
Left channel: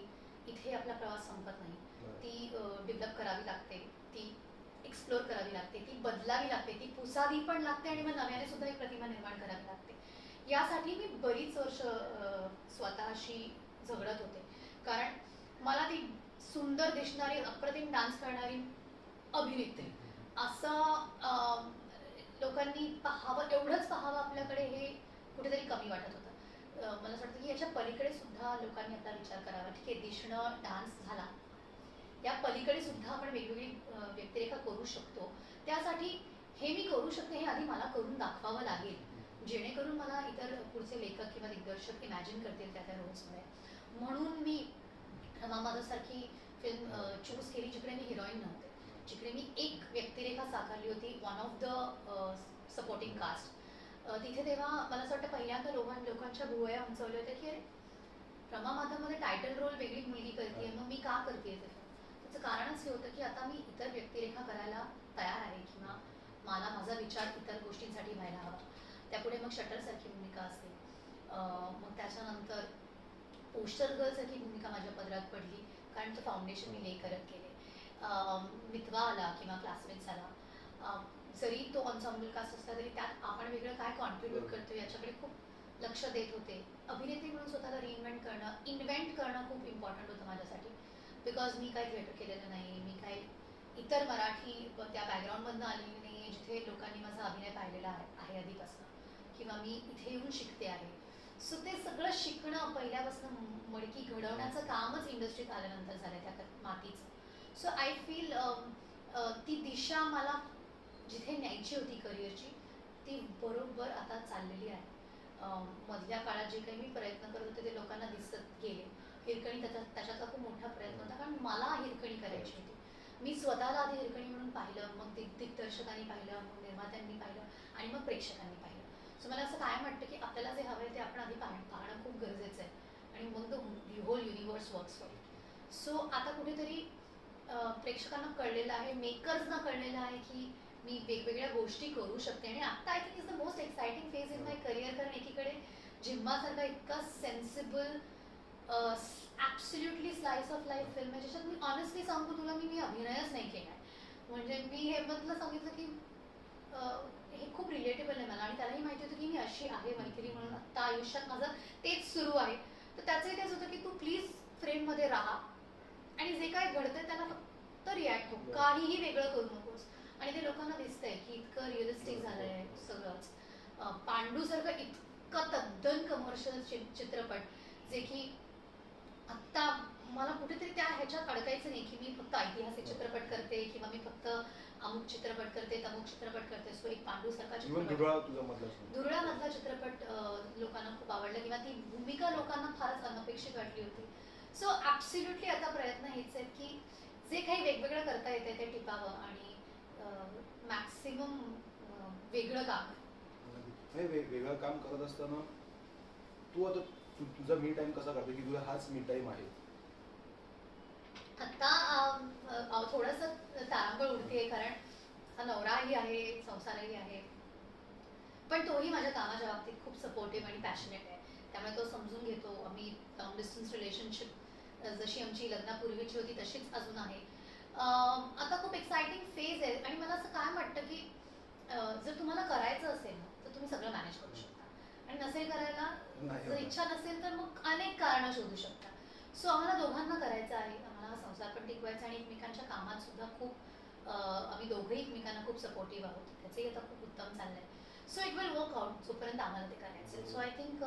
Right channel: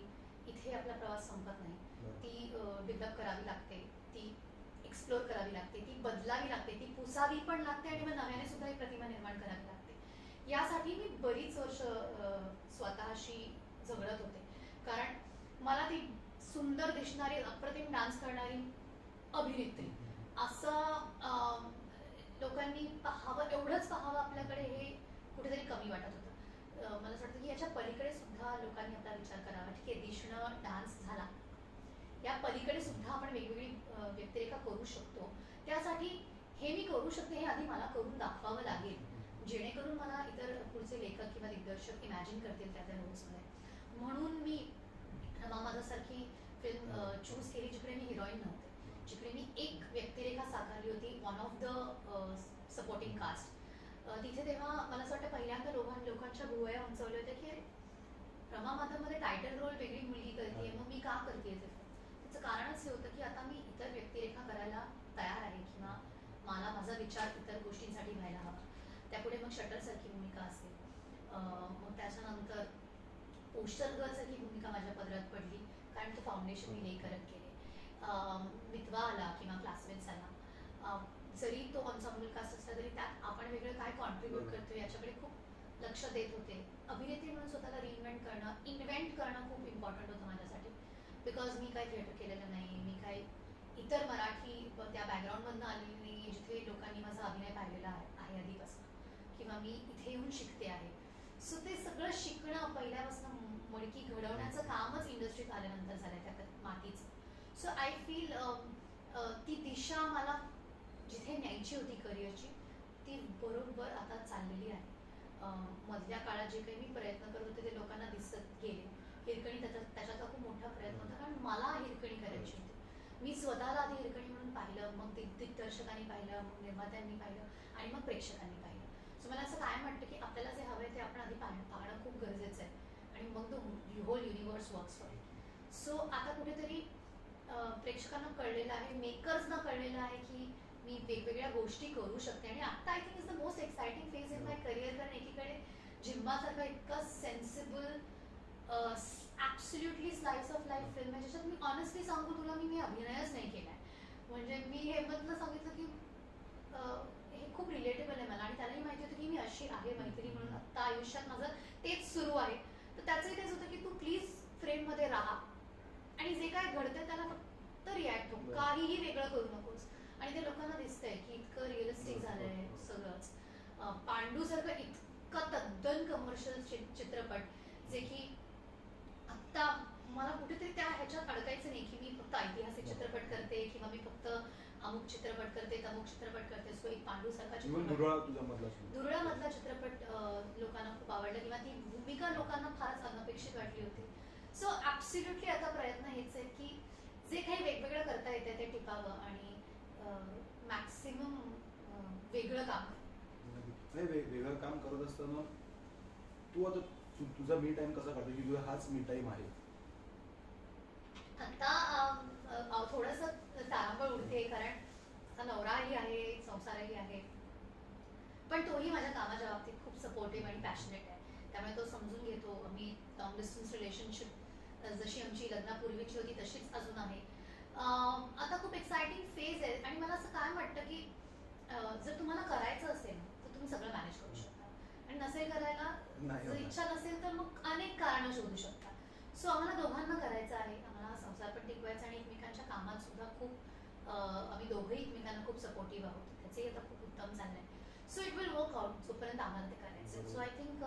इथे आपला प्रवास संपत नाही. बरं. ती डेव्हलप करावी लागते, ती एक्सप्लोर करावी लागते, ती बदलावी लागते, ती पुसावी पण लागते आणि मग नव्याने सुद्धा एक प्रतिमा निर्माण करावी लागते. यासाठी मी बरीच वर्ष स्वतःशी झगडत होते, कारण मला ती सुंदर दिसणारी, अप्रतिम डान्स करणारी अभिनेत्री असं लोकांनी पाहावं, एवढंच पाहावं आपल्याकडे, हे कुठेतरी कमी वाटत होतं. मला असं वाटतं की याच्या पलीकडे सुद्धा लोकांनी आपला विचार करावा. ठीक आहे, दिसणं, डान्स झाला, या पलीकडे सुद्धा आपण वेगवेगळी व्यक्तिरेखा करू शकतो. त्यासाठी हे मी करू शकते हे आधी मला करून दाखवावं लागेल, जेणेकरून मला इतर पुढचे लेखक किंवा दिग्दर्शक इमॅजिन करतील त्या त्या रोल्समध्ये. म्हणून मी रमा माधवसारखी फिल्म चूज केली, जिकडे मी हिरोईन नव्हते, जिकडे मी एक व्यक्तिरेखा साकारली होती, one of the supporting cast. तिथे तेव्हा मला असं वाटतं पहिल्यांदा लोकांच्या भुवया उंचवल्या होत्या की अरे, रमा माधवमध्ये टायटल रोल वेगळी मुलगी करते, मग मी का करते ते. त्याचं कारणच हे होतं की आता मी इतर व्यक्तिरेखा करायला तयार आहे, किंवा मला माझा विचार इतर गोष्टींसाठी व्हायला हवा. त्यापुढे मग शटरसारखी भूमिका असेल, मग त्याच्यानंतर पोस्टर गर्लसारखी भूमिका माझ्या पदरात पडली, कारण तो फाउंडेशन मी हे करत गेले. मितवा आला किंवा क्लासमेट्स आला, जरी तो ऑन्साम्बल कास्ट असला तरी त्यात आपण वेगळं काय कॉन्ट्रीब्यूट करतो याच्याकडे खूप लक्ष देत होते. अभिनेत्री म्हणून स्वतःला रिइन्व्हेंट करणं, इन्व्हेंट करणं खूप इम्पॉर्टंट होतं माझ्यासाठी, बिकॉज मी काही थिएटर केलेलं नाही, मी काही इतर मराठी त्या बॅकग्राऊंडमधनं आलेली नाही आहे जिथे लोकांनी माझा अभिनय पाहिलेला आहे आधीपासून, किंवा मी इथे येऊन शिकते आहे. सो ते सगळं शिकणं पहिल्यापासून मडकी घडवण्याचं कामच इंडस्ट्रीत आल्यानंतर झालं, त्या मातीचं. सो आय फील ती दिशा मला जिथे न्यायची होती करिअरची, ती बरोबर आता चाललेली आहे. मधल्या काळात जे काही मी प्रयत्न करत होते ते लोकांना दिसत गेले. हिरकणी त्याच्याचा खूप मोठा प्रयत्न होता, कारण मला हिरकणी करायची होती. मी स्वतःला आधी हिरकणी म्हणून पाहिलं, मग दिग्दर्शकांनी पाहिलं, मग निर्मात्यांनी पाहिलं, आणि मग प्रेक्षकांनी पाहिलं. सो मला असं कायम वाटतं की आपल्याला जे हवं आहे ते आपण आधी पाहणं खूप गरजेचं आहे, आणि मग the whole universe works for it. So आता कुठेतरी प्रेक्षकांना कळलेलं आहे, मेकर्सना कळलेलं आहे की मी वेगवेगळ्या गोष्टी करू शकते. आणि आता I think is the most exciting phase in my career, कारण एकीकडे जिम्मासारखा इतका sensible absolutely slice of life film आहे, ज्याच्यात मी ऑनेस्टली सांगू तुला, मी अभिनयच नाही केला आहे. म्हणजे मी हेमंतला सांगितलं की हे खूप रिलेटेबल आहे मला, आणि त्यालाही माहिती होतं की मी अशी आहे मैत्री म्हणून, आत्ता आयुष्यात माझं तेच सुरू आहे. तर त्याचंही तेच होतं की तू प्लीज फ्रेममध्ये राहा, आणि जे काय घडतंय त्याला फक्त रिॲक्ट हो, काहीही वेगळं करू नकोस. आणि ते लोकांना दिसतंय की इतकं रिअलिस्टिक झालंय सगळंच. पांडूसारखं इतकं तद्दन कमर्शियल चित्रपट, जे की आत्ता मला कुठेतरी त्या ह्याच्यात अडकायचं नाही की मी फक्त ऐतिहासिक चित्रपट करते, किंवा मी फक्त अमुक चित्रपट करते, तमुक चित्रपट करते. सो एक पांडूसारखा चित्रपट, दुर्ळामधला चित्रपट लोकांना खूप आवडला, किंवा ती भूमिका लोकांना फारच अनपेक्षित वाटली होती. सो ॲब्सोल्युटली आता प्रयत्न हेच आहेत की जे काही वेगवेगळं करता येते ते टिकावं, आणि मॅक्सिमम वेगळं काम नाही. वेगळं काम करत असताना तू आता तुझा मी टाइम कसा काढते, की तुझा हाच मी टाइम आहे? आता थोडंसं तारांबळ उडते, कारण आता नवराही आहे, संसारही आहे, पण तोही माझ्या कामाच्या बाबतीत खूप सपोर्टिव्ह आणि पॅशनेट आहे. त्यामुळे तो समजून घेतो. आम्ही लॉंग डिस्टन्स रिलेशनशिप जशी आमची लग्नापूर्वीची होती तशीच अजून आहे. आता खूप एक्साइटिंग फेज आहे, आणि मला असं काय वाटतं की जर तुम्हाला करायचं असेल ना तर तुम्ही सगळं मॅनेज करू शकता, आणि नसेल करायला, जर इच्छा नसेल तर मग अनेक कारणं शोधू शकता. सो आम्हाला दोघांना करायचं आहे, आम्हाला हा संसार पण टिकवायचा, आणि एकमेकांच्या कामात सुद्धा खूप आम्ही दोघंही एकमेकांना खूप सपोर्टिव्ह आहोत. त्याचंही आता खूप उत्तम चाललंय. So it will work out जोपर्यंत आम्हाला ते करायचं. सो आय थिंक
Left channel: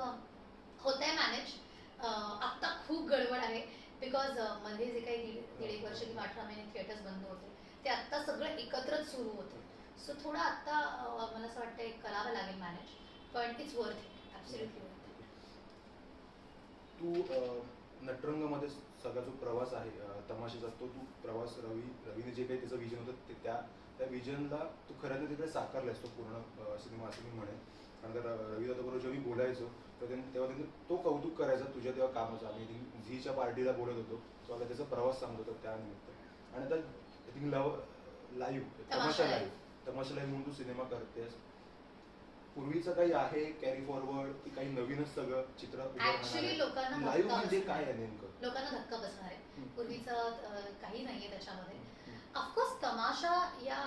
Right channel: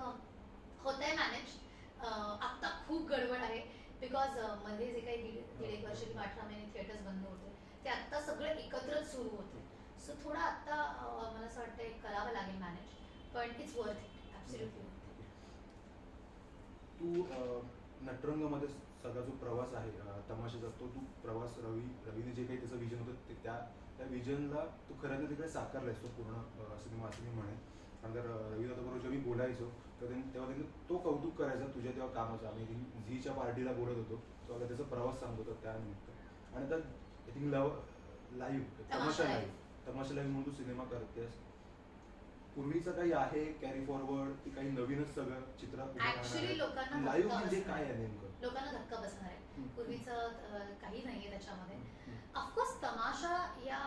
होत आहे मॅनेज. आत्ता खूप गडबड आहे, बिकॉज मध्ये जे काही दीड एक वर्ष किंवा 18 महिने थिएटर्स बंद होते, ते आत्ता सगळं एकत्रच सुरू होतं. सो थोडं आत्ता मला असं वाटतं करावं लागेल मॅनेज, पण it's worth it, absolutely worth it. तू नटरंगमध्ये सगळा जो प्रवास आहे तमाशाचा, तो तू प्रवास रवीने जे काही त्याचं विजन होतं त्या विजनला तू खऱ्याने तिकडे साकारलायस तो पूर्ण सिनेमा, असं मी म्हणेन. कारण तर रवी दादाबरोबर जेव्हा मी बोलायचो तेव्हा त्यांनी तो कौतुक करायचा तुझ्या तेव्हा कामाचं. आम्ही झीच्या पार्टीला बोलत होतो तेव्हा त्याचा प्रवास सांगत होता त्यानिमित्त. आणि आता आय थिंक लाईव्ह तमाशा लाईव्ह म्हणून तू सिनेमा करतेस. पूर्वीचं काही आहे कॅरी फॉरवर्ड की काही नवीनच सगळं चित्र ऍक्च्युली लोकांना लाईव्ह धक्का म्हणजे बसणार काय आहे. आहे नेमकं? लोकांना धक्का बसणार आहे. हम्म. पूर्वीचं काही नाहीये त्याच्यामध्ये. हम्म. ऑफकोर्स तमाशा या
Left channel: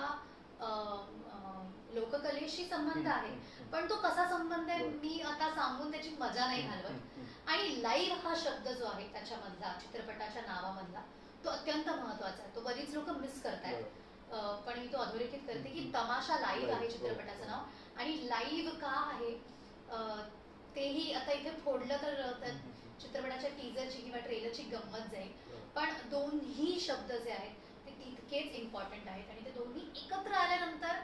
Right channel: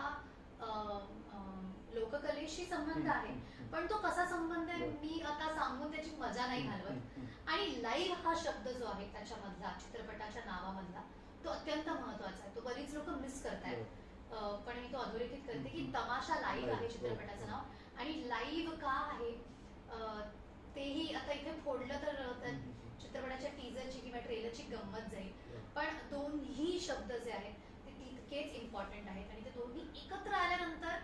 लोककलेशी संबंध आहे, पण तो कसा संबंध आहे बरं. मी आता सांगून त्याची मजा नाही घालवत. आणि लाईव्ह हा शब्द जो आहे त्याच्यामधला चित्रपटाच्या नावामधला तो अत्यंत महत्वाचा आहे. तो बरीच लोक मिस करतायत. पण मी तो अधोरेखित करते की तमाशा लाईव्ह आहे चित्रपटाचं नाव. आणि लाईव्ह का आहे तेही आता इथे फोडलं तर चित्रपटाच्या टीजरची किंवा ट्रेलरची गंमत जाईल. पण दोन्ही शब्द जे आहेत ते तितकेच इम्पॉर्टंट आहेत आणि ते दोन्ही एकत्र आल्यानंतर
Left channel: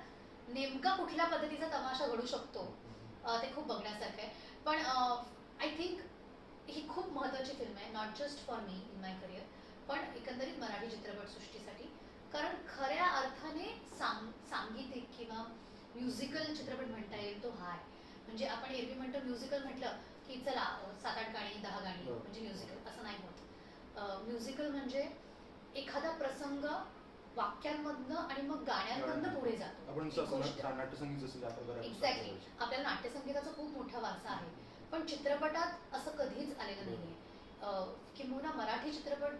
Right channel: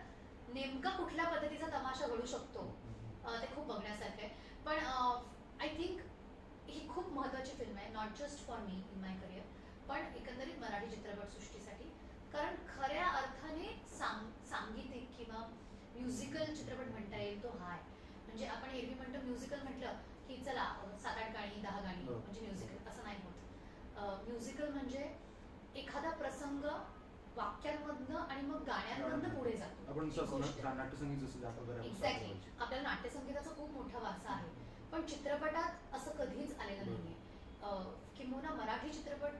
नेमका कुठल्या पद्धतीचा तमाशा घडू शकतो ते खूप बघण्यासारखं आहे. पण आय थिंक ही खूप महत्त्वाची फिल्म आहे, not just for me in my career, पण एकंदरीत मराठी चित्रपटसृष्टीसाठी. कारण खऱ्या अर्थाने सांगीतिक किंवा म्युझिकल चित्रपट म्हणता येईल तो हा आहे. म्हणजे आपण एरवी म्हणतो म्युझिकल म्हटलं की चला 7-8 गाणी 10 गाणी म्हणजे म्युझिकल, असं नाही होत. म्युझिकल म्हणजे एखादा प्रसंग वाक्यांमधनं आणि मग गाण्यांमधनं पुढे जातो. आपण एक गोष्ट. नाट्यसंगीत जसं ज्या प्रकारे आपण एक्झॅक्टली. साकारतो. आपल्याला नाट्यसंगीताचा खूप मोठा वारसा आहे, पण चित्रपटात असं कधीच आलेलं नाहीये. किंबहुना मराठी चित्रपट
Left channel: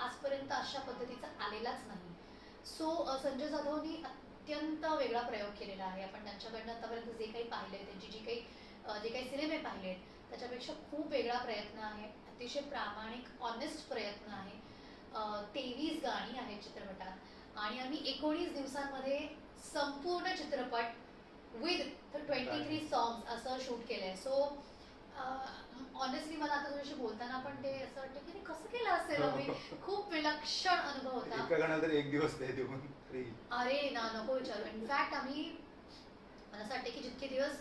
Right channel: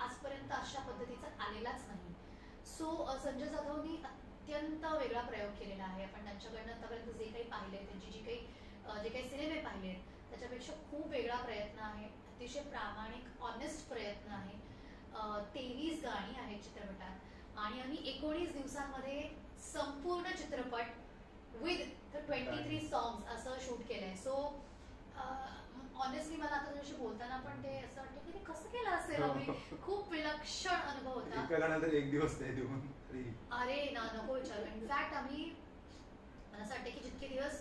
आजपर्यंत अशा पद्धतीचा आलेलाच नाही. सो संजय जाधवनी अत्यंत वेगळा प्रयोग केलेला आहे. आपण त्यांच्याकडनं आतापर्यंत जे काही पाहिलंय, त्यांची जे काही सिनेमे पाहिलेत त्याच्यापेक्षा खूप वेगळा प्रयत्न आहे. अतिशय प्रामाणिक ऑनेस्ट प्रयत्न आहे. 23 गाणी आहेत चित्रपटात आणि आम्ही 19 दिवसांमध्ये संपूर्ण चित्रपट विथ 23 सॉंग्स असं शूट केलंय. सो ऑनेस्टली मला आता तुझ्याशी बोलताना पण ते असं वाटतं की ते कसं केलं असेल आम्ही. खूप विलक्षण अनुभव होता. एका गाण्याला तर एक दिवस ते देऊन अरे ना नको विचारू. इनफॅक्ट आम्ही मला असं वाटतं की जितके दिवस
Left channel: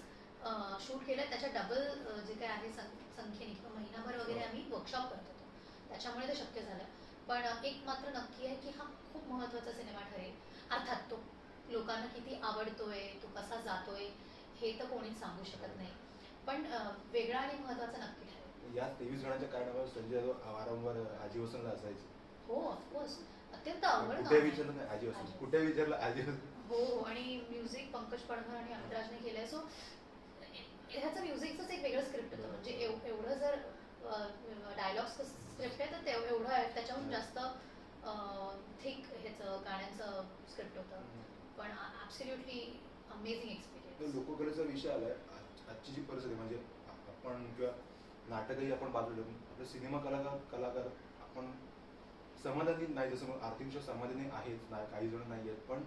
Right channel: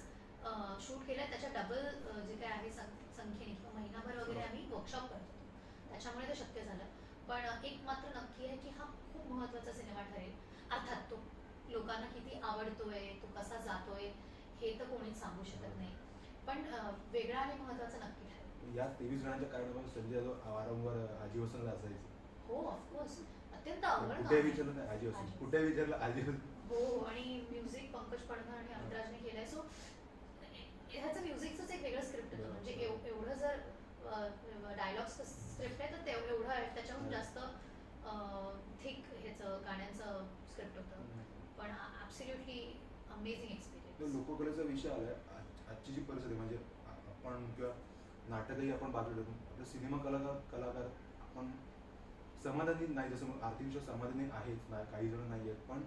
शूट केलं त्याच्या डबल जे काय आहे संख्येने किंवा महिनाभर वगैरे आम्ही वर्कशॉप करत होतो, त्याच्यामुळे ते शक्य झालं. पण एक मात्र नक्की आहे की हा खूप महत्त्वाचा सिनेमा ठरेल. अर्थात तो लोकांना किती आवडतोय, तो कसा जातोय हे तर कोणीच सांगू शकत नाही, पण वेगळा आणि महत्त्वाचा नक्की ठरेल. या 23 गाण्याच्या कारणामुळे संजय जाधव वारंवार आजी वसंतला असायचे. हो ऑफकोर्स. अत्यंत आवड कुठे विचारलं नाही आजी वसंत, कुठे विचारलं आजी वसंत. हो. आणि म्युझिक पंकज पडघर आणि अमित राजने केलंय. सो ह्याचं म्युझिकचंच एक वेगळं स्क्रिप्ट होतं. म्हणजे एवढं जर डायलॉग्स स्क्रिप्ट आहे तर एवढं आहे, त्याच्याहून जास्त थिक ह्याचं गाण्यांचं स्क्रिप्ट होतं. पण ॲब्सोल्युटली अमेझिंग एक्सपिरियन्स. लोककलेचा विषय आलाय. आजची जी परिस्थिती म्हणजे आपण किंवा नाटकही आपण बाजूला ठेवून आपले सिनेमा कलाकार आपण समाधानी नाही, जसं मग आर्थिकदृष्ट्या समाधानी आहेत नाही, काही जण नाही आहेत, पण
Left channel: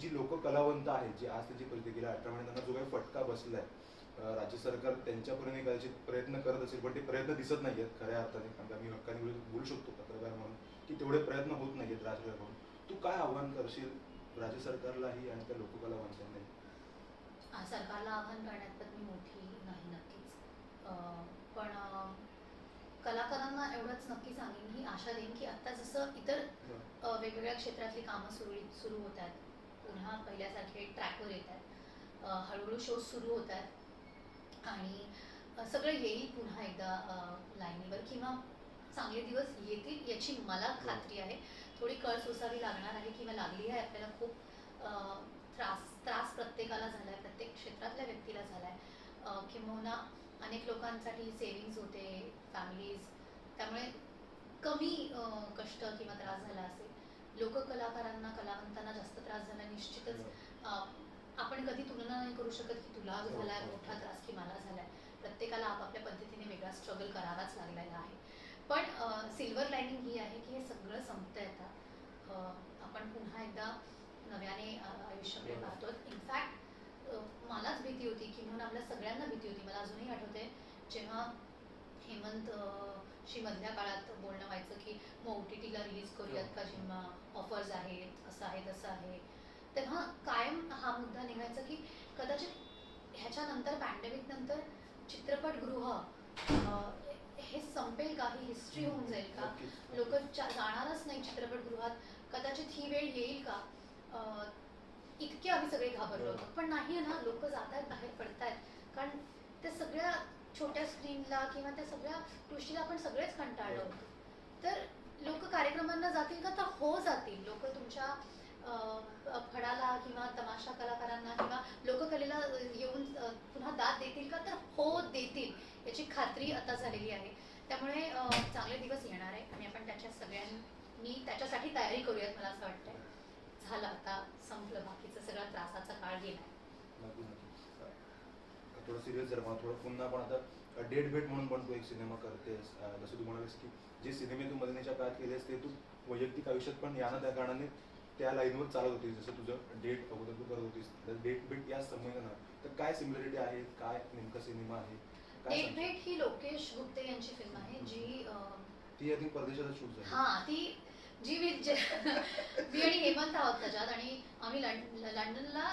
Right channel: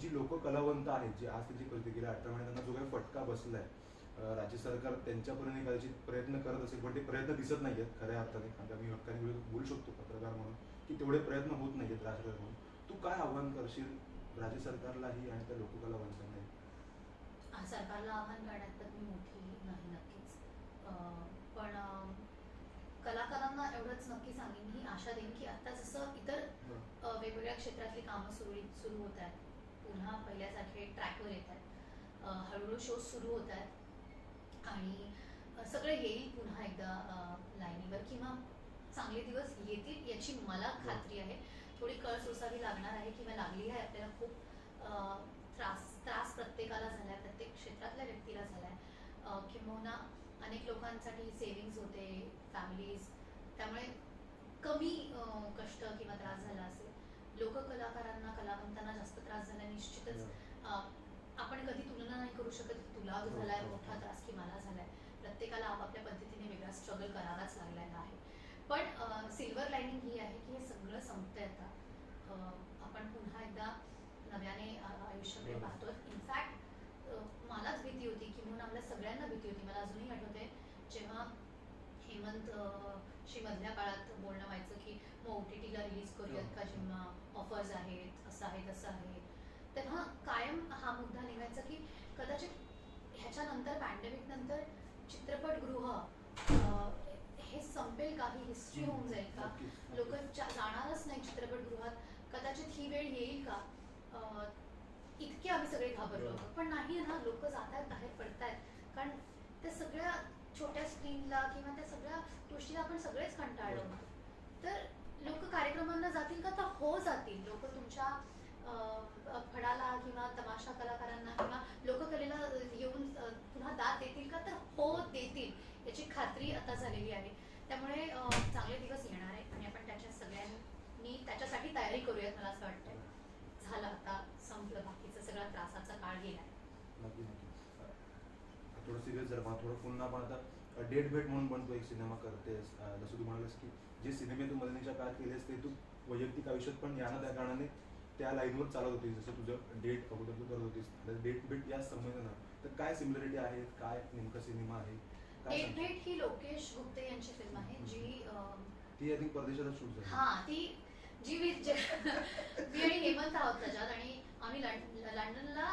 जी लोककलावंत आहेत जी आज त्यांची परिस्थिती गेल्या 18 महिन्यात त्यांना जो काही फटका बसलाय, राज्य सरकार त्यांच्यापर्यंत कदाचित प्रयत्न करत असेल पण ते प्रयत्न दिसत नाही आहेत खऱ्या अर्थाने. कारण आम्ही हक्काने बोलू शकतो पत्रकार म्हणून की तेवढे प्रयत्न होत नाही आहेत राज्य सरकार म्हणून. तू काय आव्हान करशील राज्य सरकारलाही आणि त्या लोककलावंतांनाही? सरकारला आव्हान करण्यात तर मी मोठी नाही नक्कीच. पण कलाकारांना एवढंच नक्की सांगेन, ही आशा देईन की आत्ता जसं इतर वेगवेगळ्या क्षेत्रातली कामं सुरू होत आहेत, पुन्हा पहिल्यासारखे ट्रॅकवर येत आहेत, हळूहळू शोज सुरू होत आहेत आणि सगळं येईल पुन्हा एकदा लाईनीवर किंवा चांगले दिवस येतील याची मला खात्री आहे. थोडी कळ सोसावी लागणार आहे किंवा लागली आहे आपल्याला. खूप त्रास प्रत्येकाला झालाय, प्रत्येक क्षेत्रातल्या व्यक्तीला झालाय. किंबहुना अनेक लोकांसाठी सेव्हिंग्ज होते, फॅमिलीज, त्यामुळे कमी कष्ट किंवा त्रास झाला असेल. लोककलाकारांना कलावंतांना जास्त त्रास झाला निश्चितच. आपण कधी तुलना नाही करू शकत की तुला झालाय मोठा त्रास की मला झालाय. प्रत्येकाला आपापल्या पद्धतीने वेगळा स्ट्रगल करावाच लागलेला आहे. पण सिल्वर लाईनिंग ही आहे की हे सगळं संपतंय आता. आपण पुन्हा एकदा नव्याने आयुष्याकडे पाहतोय. इनफॅक्ट मलाच भीती होती की म्हणून आपल्या सगळ्यांना भीती होती. मला अजूनही आठवते जेव्हा हेमंत शी मधल्या काळात बोलणं व्हायचं की मग OTTला रिलीज करूयात का, जेव्हा ऑफर्स आहेत, असं आहे तसं आहे, तेव्हा कायम हा मुद्दा निघायचा की कदाचित ह्याच्यानंतर पॅन्डेमिक नंतर चित्रपटगृह हे संपेल का, ही हिस्ट्री होऊन जाईल का, लोक जाणारच नाही चित्रपटगृहात, कदाचित ही वेळ येईल का. इतके आम्ही सगळे घाबरलो होतो. पण नाही ना, लोक जात आहेत, बाहेर पडतायत. कारण त्या सगळ्या छोट्या स्क्रीनला किंवा त्या सगळ्या गोष्टीला आपण सगळेच कंटाळलो होतो. तर लोक कार्यक्रमांना जातील का, तर हो जातील. लोक तुमच्या फडाला किंवा तमाशा कलाकारांना किंवा लोककलेला येऊन पुन्हा दाद देतील का, तर हो देतील याची खात्री आता झालेली आहे. त्यामुळे चांगले दिवस येणार आहे आणि आपण त्याच्या सगळ्यांनी त्याच्यासाठी तयारी करूयात. मला असं वाटतंय झालं आता, संपलं बाकीचं सगळं, त्रासाचा काळ गेलाय. नक्की नक्की. थोडं सिरियस जर मला थोडं पुन्हा पण आता डेट भेट म्हणून पण तू एक सिनेमा करतेस, जसं तू म्हणालीस की जे सिनेमे तू मदनीच्या काळात केलेस ते तू वैयक्तिक आयुष्यात पण या ना त्या कारणाने त्या लाईनवर चालत होतीस, जसं तुझं डेट अगोदर तू करत होतीस. डेट भेट या संबंधानं तर काय सिमिलरिटी आहेत, काय नेमका सिनेमा आहे, काय डेट सांगशील? भेट ही लोकेश गुप्ते यांची फिल्म आहे जी ती आधी परदेशातच शूट झाली. हा ती जी मी आणि हेमंत आहोत त्याच्यात, आणि आम्ही लंडनला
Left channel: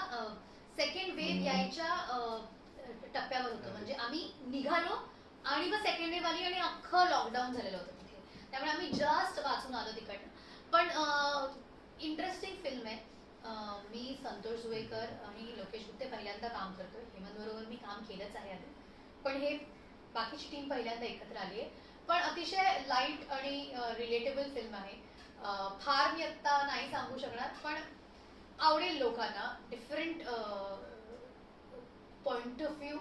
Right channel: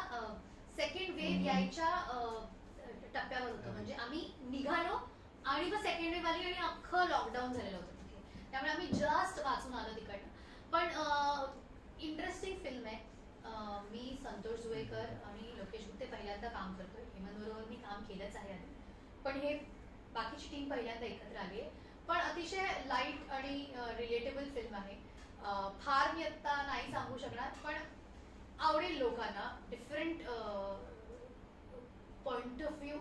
सेकंड वेव्ह यायच्या टप्प्यावर होतो. म्हणजे आम्ही निघालो आणि मग सेकंड वेव्ह आली आणि अख्खं लॉकडाऊन झालेलं होतं तिथे. त्यामुळे आम्ही जस्ट वाचून आलो तिकडनं. पण इंटरेस्टिंग फिल्म आहे. मी संतोष जुवेकर आणि लोकेश गुप्ते पहिल्यांदा काम करतोय. हेमंत बरोबर मी काम केलंच आहे आधी, पण हे बाकीची टीम पहिल्यांदा एकत्र आली आहे. पण अतिशय लाईट आणि रिलेटेबल फिल्म आहे. फार मी आत्ता नाही सांगू शकणार, पण आवडेल लोकांना. डिफरंट पॉइंट ऑफ व्ह्यू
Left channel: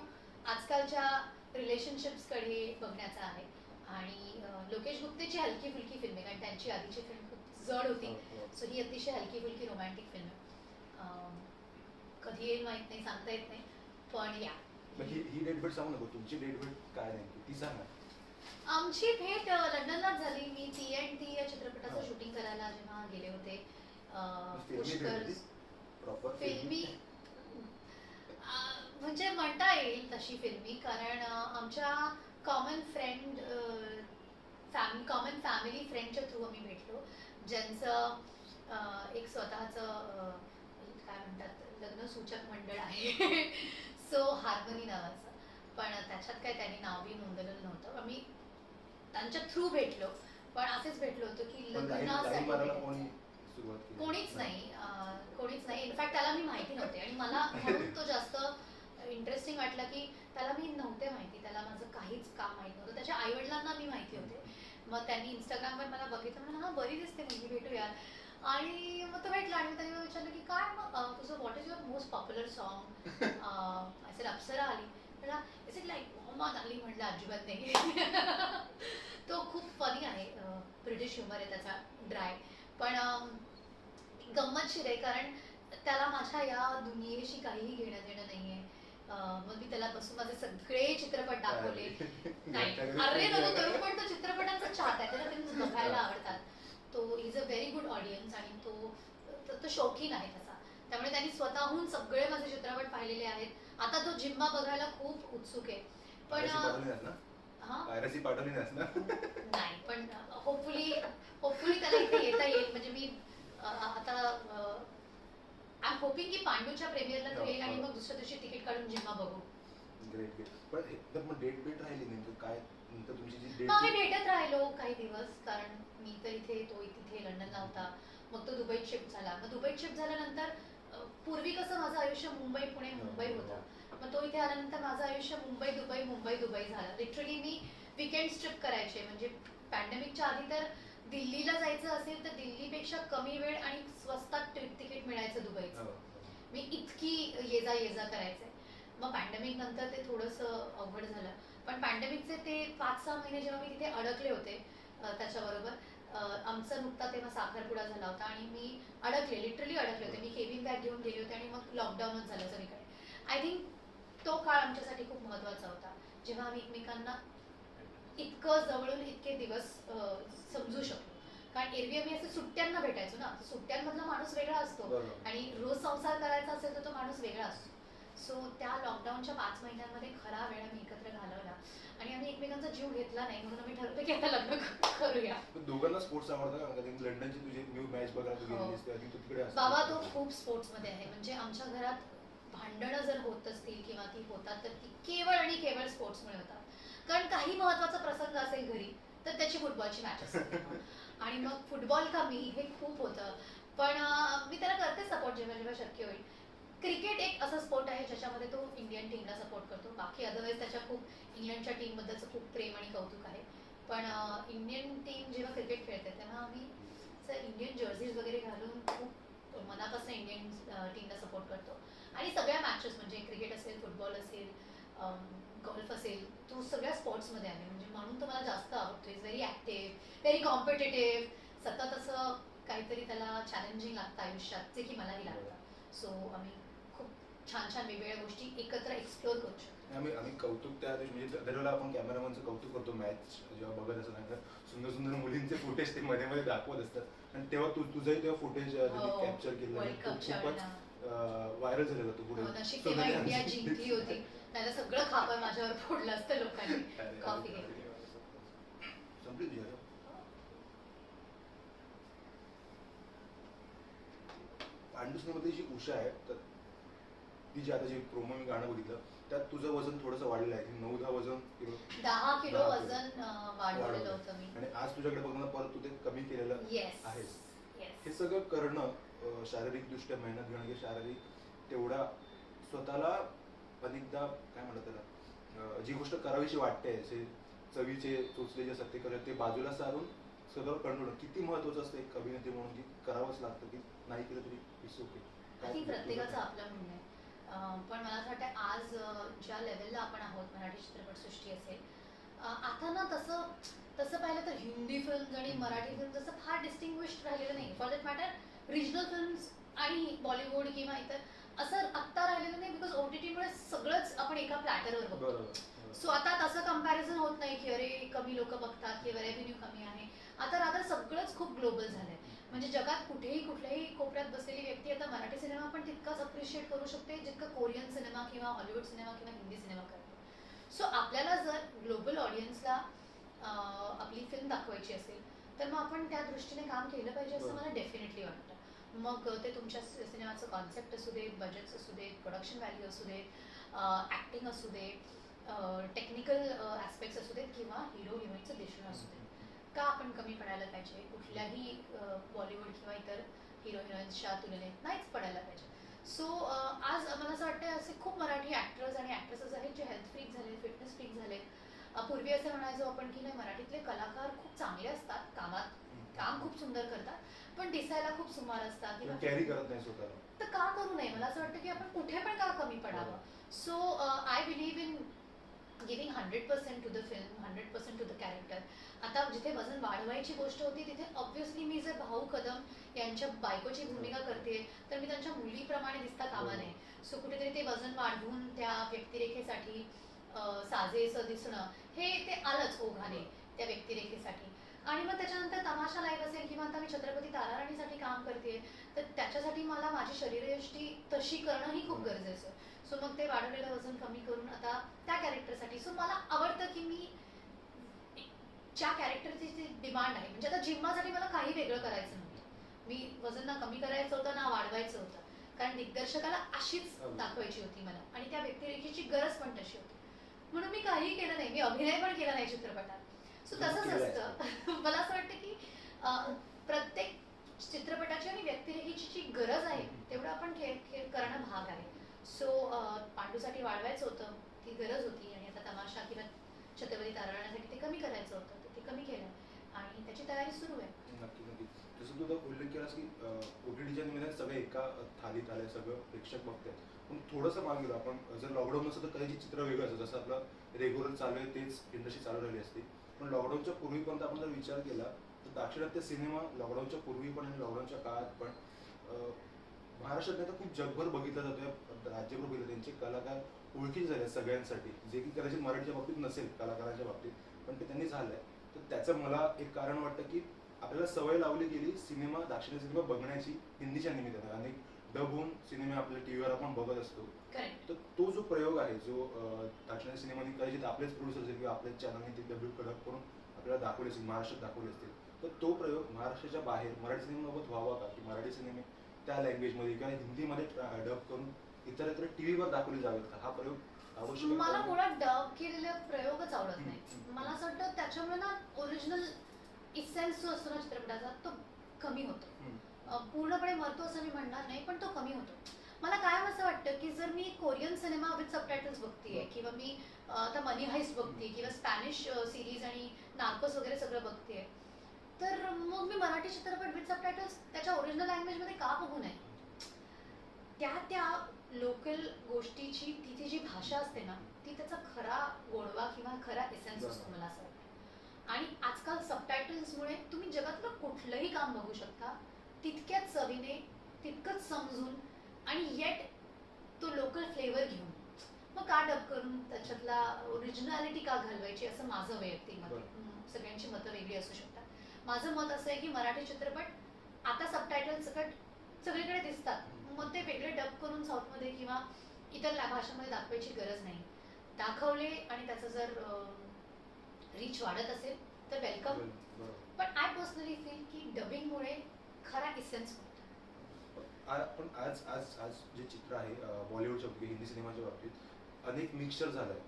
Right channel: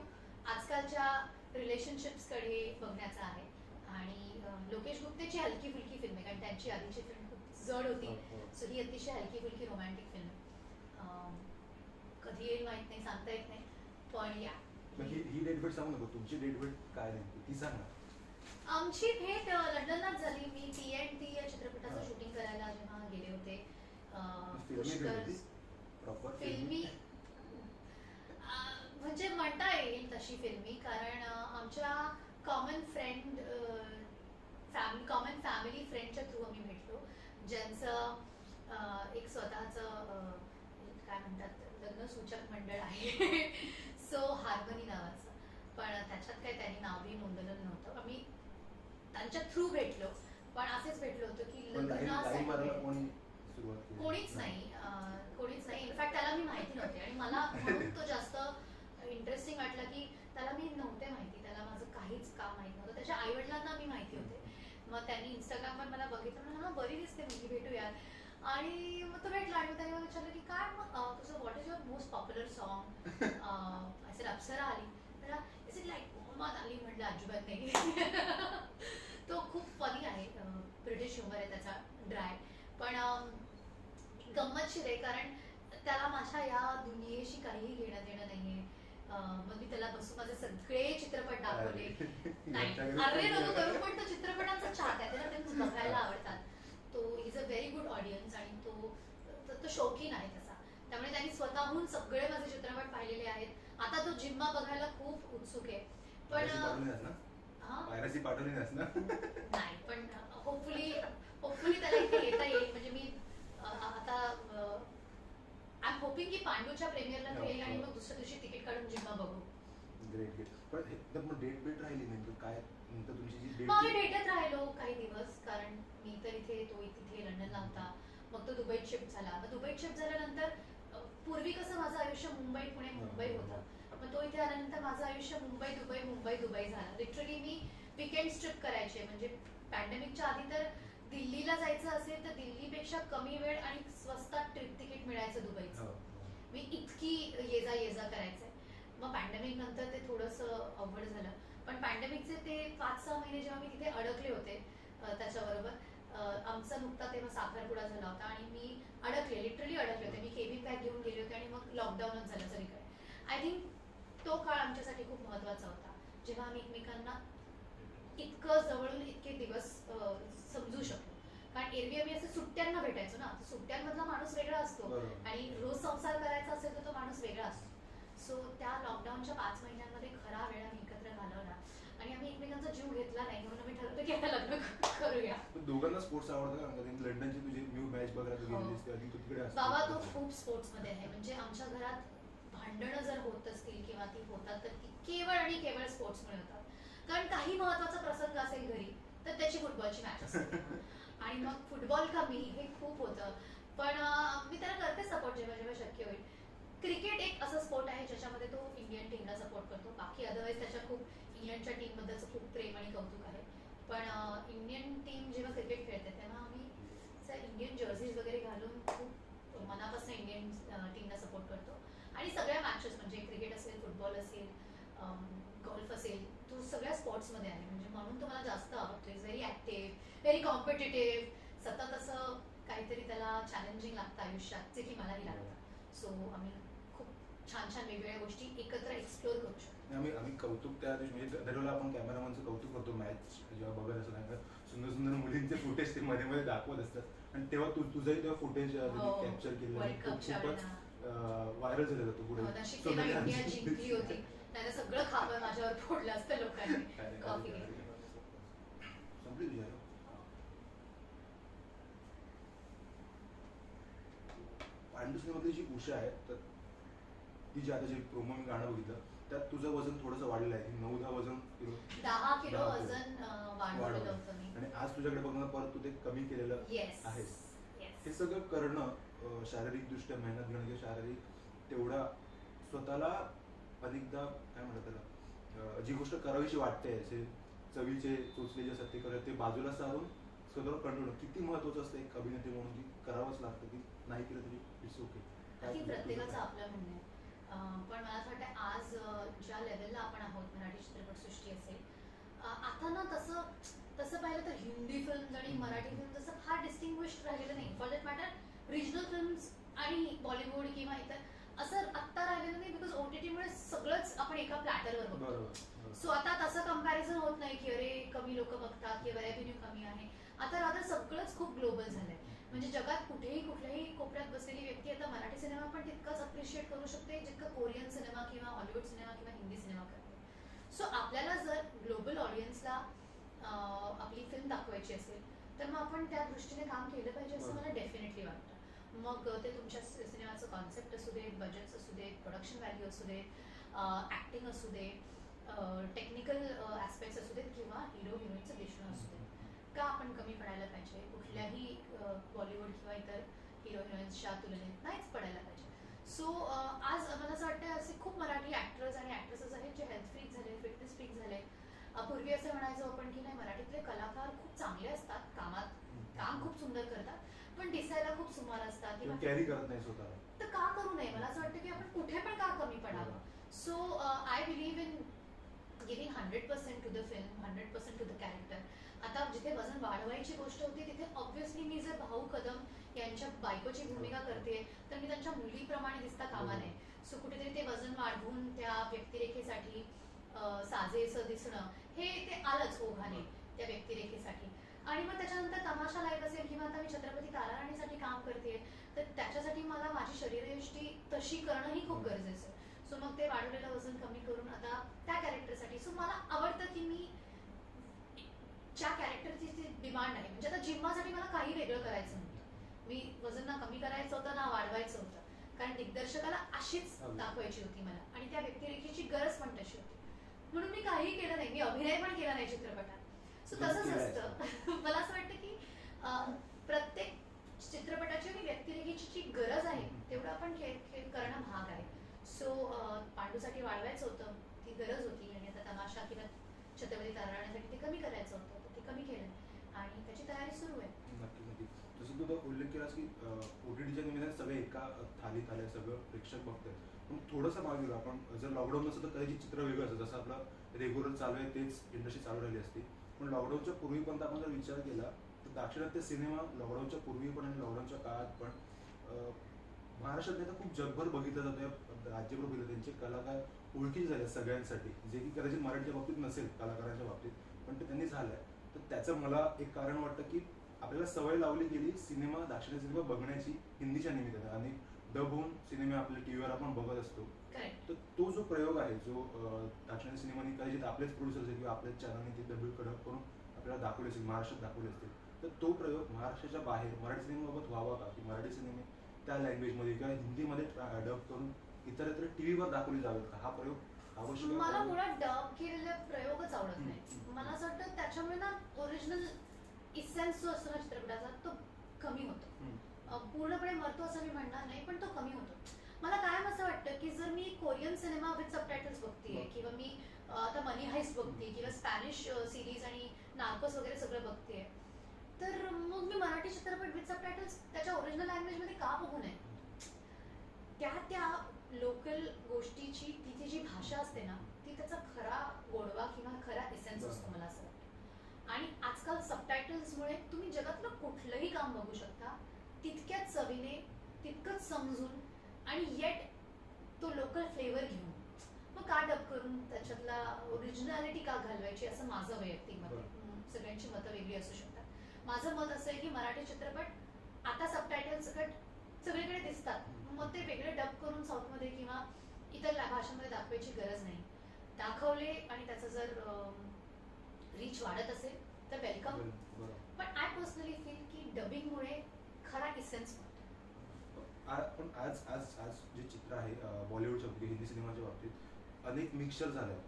आजकालच्या रिलेशनशिप्सकडे बघण्याचा आहे. आणि लोकेश गुप्तेची हलकी फुलकी फिल्म आहे, कारण त्यांची आधीची फिल्म खूप जड होती. सो ही अतिशय हलकी फुलकी रोमॅन्टिक फिल्म आहे. कधी येईल माहित नाही, सांगता येत नाही, पण या. मग ही डेट भेट सांगू नको, तुमची डेट भेट काय नेमकी ती सांग ना. आमची भेट लंडनलाच झाली. मी TNT या चित्रपटाचं हा. शूटिंग करायला जेव्हा गेले होते. फिल्मी भेट पुष्कर होती प्रॉपर फिल्मी म्हणजे म्हणता येईल तशी फिल्मी, कारण आमच्या कॉमन फ्रेंड कॉमन फॅमिली फ्रेंडच्या थ्रू आम्ही भेटलो, ज्यांचं एक स्वतःचं काय म्हणतात लग्नसूचक मंडळ आहे. सो हार्मनी नावाचं. पण त्याच्यात काय त्यांनी नावही नोंदवलेलं नव्हतं. आम्ही त्यांच्या थ्रू भेटलो, पण असेच भेटलो होतो की पण लाईन लग्नासाठी मारायला भेटायचं. कोणी सुरुवात केली? कोणीच नाही. कोणीच नाही. इनफॅक्ट त्याला मी माहिती नव्हते, आणि मला म्हणून तो जास्त इंटरेस्टिंग वाटला की त्याला मी नव्हते माहिती, त्याला माझं काहीच काम माहित नव्हतं. त्याच्या आईवडिलांना मी माहिती होते. मग त्यांनी इंस्टाग्रामवर मला बघितलं, म्हणून हा बरी दिसते मुलगी, भेटूया. आणि मग तो भेटला आणि मग त्यांनी मला विचारलं की काय मग तुझं what is your most popular song. असेल अप्सरा आली, त्याला is it like Muhammad Ali. म्हटलं अजिबात नाही. तो खूप फनी आहे. ब्रिटिश ह्युमर आहे त्याचा, ड्राय, पण गंमतशीर आहे, कारण त्याला माझ्या या दुनियेशी काहीही घेणं देणं नाहीये. मग मी त्याला बसून माझे सगळे चित्रपट दाखवले. नाही अरे नको करू, पण तो चित्रपटांचा चाहता आहे, त्याला फिल्म्स बघायला आवडतात. तो is a very good audience, आणि तो शौकीन आहे तसा. त्यामुळे त्यांनी स्वतःहून सगळे माझे चित्रपट पाहिलेले आहेत. आता तो जिम्मा बघायला खूप उत्सुक आहे. पण पायरसी पाठवली नाहीस ना? नाही, पण होपफुली त्याला इथे येता येईल. म्हणजे मी आता आय एम होपिंग की पांडूच्या प्रीमियरला तो येईल आणि मग दुसऱ्या दिवशी तिकीट काढून जिम्मा बघू. Great great. पण एकदम मग डेट भेट राहिली नेमकं काय, नंतर तुमची जी मग आम्ही डेट भेटत राहिलो काही दिवस, कारण मी तर इथे, तो तिथे लंडनला होता. मग तो दुबईत शिफ्ट झाला. मग दुबईत शिफ्ट झाल्यानंतर पूर्वी कसं माझं आयुष्य मुंबई पुणे मुंबई होतं. मग तो इथे आल्यानंतर माझं आयुष्य मुंबई दुबई मुंबई दुबई झालं. लिटरली मी विकेंड ट्रिप करायचे. म्हणजे पॅन्डेमिकच्या आधी तर दिल्लीला जायचं असेल तर दिल्लीपेक्षा कमी वेळ आणि स्वस्तात ट्रिप तिकीट मिळायचं दुबईचं. मी इतकी ये जा करायचे. मग पॅन्डेमिक नंतर ते थोडंसं अवघड झालं. पण पॅन्डेमिकचे ते 5-6 महिने जेव्हा मी तिथे अडकले होते, त्याच्याबरोबर आमचा नुकता तेव्हा साखरपुडा झाला होता आणि मी अडकले, लिटरली अडकले होते. मी केबिन बॅग घेऊन गेले होते आणि मग लॉकडाऊनच झालं सगळीकडे. आय थिंक तो काळ आमच्यासाठी खूप महत्त्वाचा होता, जेव्हा आम्ही एकमेकांना इतकं जवळून इतके दिवस समजू शकलो. कारण एरवी आम्ही असं सुट्ट्यांना भेटायचो ना, सुट्ट्यांमधला माणूस वेगळा असतो आणि रोज संसार करायचा असेल तर तो माणूस वेगळा असतो. सो त्या लॉकडाऊनच्या 5 महिन्यांमध्ये खरा वेळ आम्ही एकत्र घालवला आणि आम्ही एकमेकांचा जीव घेतला नाही, म्हणून आम्ही ठरवलं की आता लग्न करूया. दोघांना स्पोर्ट्स आवडतं का? कारण लंडनची तुझी न्यू मॅच बघायला तू गेलेलीस ते आधी तू तिकडे असतो. बाबा तो खूप स्पोर्ट्समध्ये आहे. म्हणजे आमच्या घरात भांडणं जर होत असतील किंवा ती होतात तर ती केवळ आणि केवळ स्पोर्ट्समुळे होतात. कारण काही महत्त्वाचा प्रसंग असेल घरी तर त्याची फुटबॉलची मॅच असते आणि मग फुटबॉल का मी, हे खूप होतं. पण मी त्याला करते सपोर्ट जेव्हा जेव्हा शक्य होईल. क्रिकेट एक असं स्पोर्ट आहे ज्याच्यामध्ये तो इंडियन टीमला सपोर्ट करतो. बाकी अदरवाईज त्याच्या खूप इंग्लंडच्या टीमबद्दलचं खूप प्रेम आणि कौतुक आहे. पण इंडियन टीम जेव्हा क्रिकेट खेळते तेव्हा आम्ही इंडियन जर्सीज वगैरे घालून खूप मनापासून इंडियन टीमला सपोर्ट करतो आणि सगळ्या मॅचेस म्हणजे क्रिकेट असेल, फुटबॉल असेल, गोल्फ असेल, तू सगळ्या स्पोर्ट्समध्ये आहे म्हणजे म्हणून तो मला जास्त आवडतो. Is very active, very competitive, सतत असं काहीतरी त्याला चॅलेंजिंग लागतं आयुष्यात, जे की मलाही लागतं. सो आम्ही खूप छान छान वेगवेगळ्या गोष्टी एकत्र एक्सप्लोअर करू शकतो. आम्ही कौतुक त्या दिवशी म्हणजे दरवेळेला आपण कॅमेरामनचं कौतुक करतो मॅच जेव्हा बघत असतो त्यांना सुंदर सुंदर मुलींचे फुटेज ते मध्ये मध्ये दाखवत असतात आणि तेव्हा तुझंही तेव्हा फुटेज हो, कॅप्चर केलं आणि वर्ल्ड कपच्या खूपच वेळेला. व्हायरल झालेलं तू पुढे नशीब तेव्हा सोनाली इंडिया आमची- जिंकली होती. त्याला सगळं खापर माझ्यावर फोडलं असतं लोकांनी. अरे, कॉफी अरे, घेतली. संपली तुझी आता? पांडुसनीमध्ये जी उषा आहे तर ती जी आता जी प्रोमो मी गाणं बघितलं त्यात तुझं वजन थोडंसं वाढलेलं आहे 9-10 वजन किलो 10 किलो 10 वजन वाढवलेलं होतं मी. आणि आज तुझ्याकडे बघताना परत तू ते कमी केलेलं येस आहेस. येस. हे सगळं करणं शारीरिकदृष्ट्या मेहनत घेणं की शारीरिक तेवढा स्वतःला अनेकदा काय म्हणतात त्याला जी गोष्ट करावीशी वाटते असे चवीचे चोचले जे असतात ते करत ते बाजूला सारून स्वतःला कंट्रोल किती महत्वाचं असतं एक अभिनेत्री म्हणून की करावंच लागतं की नाही केलं तरी इट्स ओके. ती प्रत्येकाचं आपलं म्हणणं आहे. पण मला असं वाटतं आज ज्या लेवलला आपण आहोत मराठी चित्रपटसृष्टी असेल, आता ना तसं तसं पाहिलं तर हिंदी फिल्म्स आणि मराठी फिल्म जसं फार डिस्टिंग्विश्ड राहिलेलं नाही. For that matter regional films आणि बॉलिवूड किंवा इतर असं आत्ता राहिलेलं नाही बिकॉज OTTमुळे सगळंच आपण एका प्लॅटरवर बघतो. बरोबर. सो आता तसं कम्पॅरिझन होत नाही की अरे कमी लोक बघतात किंवा रेव्हेन्यू कमी आहे. आता रादर सगळंच खूप ग्लोबल झालंय. म्हणजे जगात कुठेही कुठल्याही कोपऱ्यात बसलेली व्यक्ती आता मराठी सिनेमा पण तितकाच अप्रिशिएट करू शकते जितकं कोरियन सिनेमा किंवा हॉलिवूड सिनेमा किंवा हिंदी सिनेमा करते. सो आपल्याला जर ग्लोबल ऑडियन्सला आपली फिल्म दाखवायची असेल तर मग आपण त्या दृष्टीने काम केलं पाहिजे असं मला डेफिनेटली वाटतं. मग ते तुमच्या सिनेमाचं कॉन्सेप्ट असू दे, बजेट्स असू दे, प्रोडक्शन व्हॅल्यू असू दे, ॲक्टिंग असू दे, टेक्निकल ॲस्पेक्ट्स असू देत किंवा हिरो हिरोईनचं दिसणं असू दे. का आपण कमी पडायला पाहिजे कुठल्याही बॉलिवूड किंवा इतर हिरो हिरोईन्सच्या तुलनेत नाहीच पडायला पाहिजे. सो आज मला असं वाटतं असे खूप मराठी ॲक्टर्स आणि ॲक्ट्रेसेस आहेत जे हेल्थ फ्रीक झाले, फिटनेस फ्रीक झाले. पूर्वी असं म्हणायचो आपण की नाही मराठीतले कलाकार खूप चांगले असतात, काम खूप सुंदर करतात, पण दिसायला खूप सुमार असतात किंवा कॅरी करत नाही स्वतःला. तर का करू नये. मला असं वाटतं की आपण कुठे पण का कमी पडावं. So I believe in giving 100% to the film, 100% to the character. आता जिथे वजन वाढवायची गोष्ट होती तिथे ऑब्व्हियसली मी जर भाऊ कदम यांच्या बायकोची भूमिका करते तर मी त्यांच्या मुलीप्रमाणे दिसता कामा नये. सो कुठेतरी ते वजन वाढवून त्या व्यक्तिरेखेसाठी साजेसं दिसणं हे ते आलंच ओघाने त्या व्यक्तिरेखेसाठी. आणि मग त्याच्यानंतर तमाशा लाईव्ह असेल किंवा आता मी छत्रपती ताराराणीसाठी काम करते तर त्याच्यासाठी मला माझी शरीरयष्टी तशी करणं ही खूप गरजेचं आहे. सो मग ते वाढवलेलं वजन कमी करून आता त्या कॅरेक्टरसाठी सो मला आवडतं की मी ज्या कॅरेक्टरची जी डिमांड आहे म्हणजे आता जिम्मासाठी मला काही वेगळं करायचं नव्हतं. मी वजन ना कमी करायचं होतं ना वाढवायचं होतं कारण दिग्दर्शकाला अशीच दाखवायची होती मला आणि त्या व्यक्तिरेखेची गरज पण तशी होती. म्हणून मी काही केलं नाही. मी अभिनय पण केला नाही चित्रपटात. सो तसंच असतं. मला असं वाटतं की प्रत्येक चित्रपटाची आणि व्यक्तिरेखेची जी गरज आहे तेवढं आपण करणं भाग आहे. सो पांडूसाठी वाढवायचं होतं ती गरज होती आणि आता तमाशा किंवा छत्रपती ताराराणीसाठी ते कमी करायचं होतं तर ते कमी केलं आणि त्याची तयारी सुरू आहे. नक्की नक्की. जसं तू आता उल्लेख केलास की OTTच्या निमित्ताने सगळे एका थालीत आले सगळं प्रेक्षक बघतात. पण थोडंसं मागे गेलो आपण जर लॉकडाऊन नसतं तर कदाचित चित्र वेगळं असतं जसं आपलं रेग्युलर चालू आहे तेच इंडस्ट्री चालू राहिली असते. पण लॉकडाऊनच्या पूर्वीपर्यंत आपण जर विचार केला तर दाक्षिणात्य सिनेमा लॉकडाऊनच्या पूर्वी पण आणि लॉकडाऊनच्या काळात पण महाराष्ट्रात नाही तर खूप जगभर बघितलं जातं. राज्यभर बघितलं त्यांचे कलाकार ओळखीचे झाले सगळ्यांसाठी जे की कदाचित मराठीच्या बाबतीत नसेल कलाकारांच्या बाबतीत पण ते त्यांनी झालंय. तर त्याचं मला एक कारण वाटतं की आपल्याला सवय लावली गेली सिनेमा दाक्षिणात्य सिनेमा बघण्याची हिंदीच्या निमित्तानं. अनेक डब होऊन सिनेमे आपल्या टीव्हीवर आपण बघत असतो. तर तो जो प्रयोग आहे जो दाक्षिणात्य सिनेमाने कदाचित आपलेच प्रोड्युसर असेल किंवा आपल्याच चॅनलने ते डब कडक करून आपल्याला दाखवले असेल महाराष्ट्रात दाखवले असतील तर तो प्रयोग महाराष्ट्राच्या बाहेर मराठी सिनेमाबाबत व्हावा का की मराठी सिनेमे त्या लँग्वेजमध्ये किंवा हिंदीमध्ये डब करून इतर टीव्हीवर दाखवले जावेत का हा प्रयोग आवश्यक. मला मुळात डब केलेले प्रयोगच आवडत नाही. मला असं वाटतं त्याच्यामुळे ना ओरिजिनल इसेन्स जो असतो ना चित्रपटाचा तो कमी होतो. पूर्णपणे मरतो असं मी म्हणणार नाही पण तो कमी होतो. मला कायम असं वाटतं की जर मी कोरियन सिनेमा विथ सबटायटल्स बघतेय किंवा मी आता मनी हाइस्ट बघते किंवा स्पॅनिश सिरीज आणि नार्कोस वगैरे सगळं बघतेय तर मग मी मराठी चित्रपट विथ सबटायटल्स त्याच्या ओरिजिनल लँग्वेजमध्ये का बघू नये. त्या लोकल गोष्टीची ती जी भाषा असते ना, ती त्याचा खरा गोडवा किंवा खरा एसेन्स असतो मला असं वाटतं. आणि आजकाल सबटायटल्समुळे तुम्ही जगातलं कुठलंही काम बघू शकता तितक्याच चवीने, तितकंच समजून आणि येट तो लोकल फ्लेवर घेऊन. मग का डब करून त्याच्यातला ओरिजिनॅलिटी का घालवायची असं माझं वैयक्तिक मत आहे. सगळ्यांची मतं वेगळी असू शकतात. माझं मत असं आहे की मराठी चित्रपट आता सबटायटल सकट सगळीकडे दिसतात, मग ते वेगळे डब करून साऊथमध्ये किंवा इतर भाषांमध्ये दाखवायची गरज नाही. दाखवले आणि त्याचा जर रीच वाढत असेल तर वेलकम. पण आय पर्सनली फील की डबिंगमुळे खरा इसेन्स पण आज आज आज जे चित्र आहे बॉलिवूडच्या बाबतीत, हिंदी सिनेमाच्या बाबतीत अनेक मिक्सचर झालाय.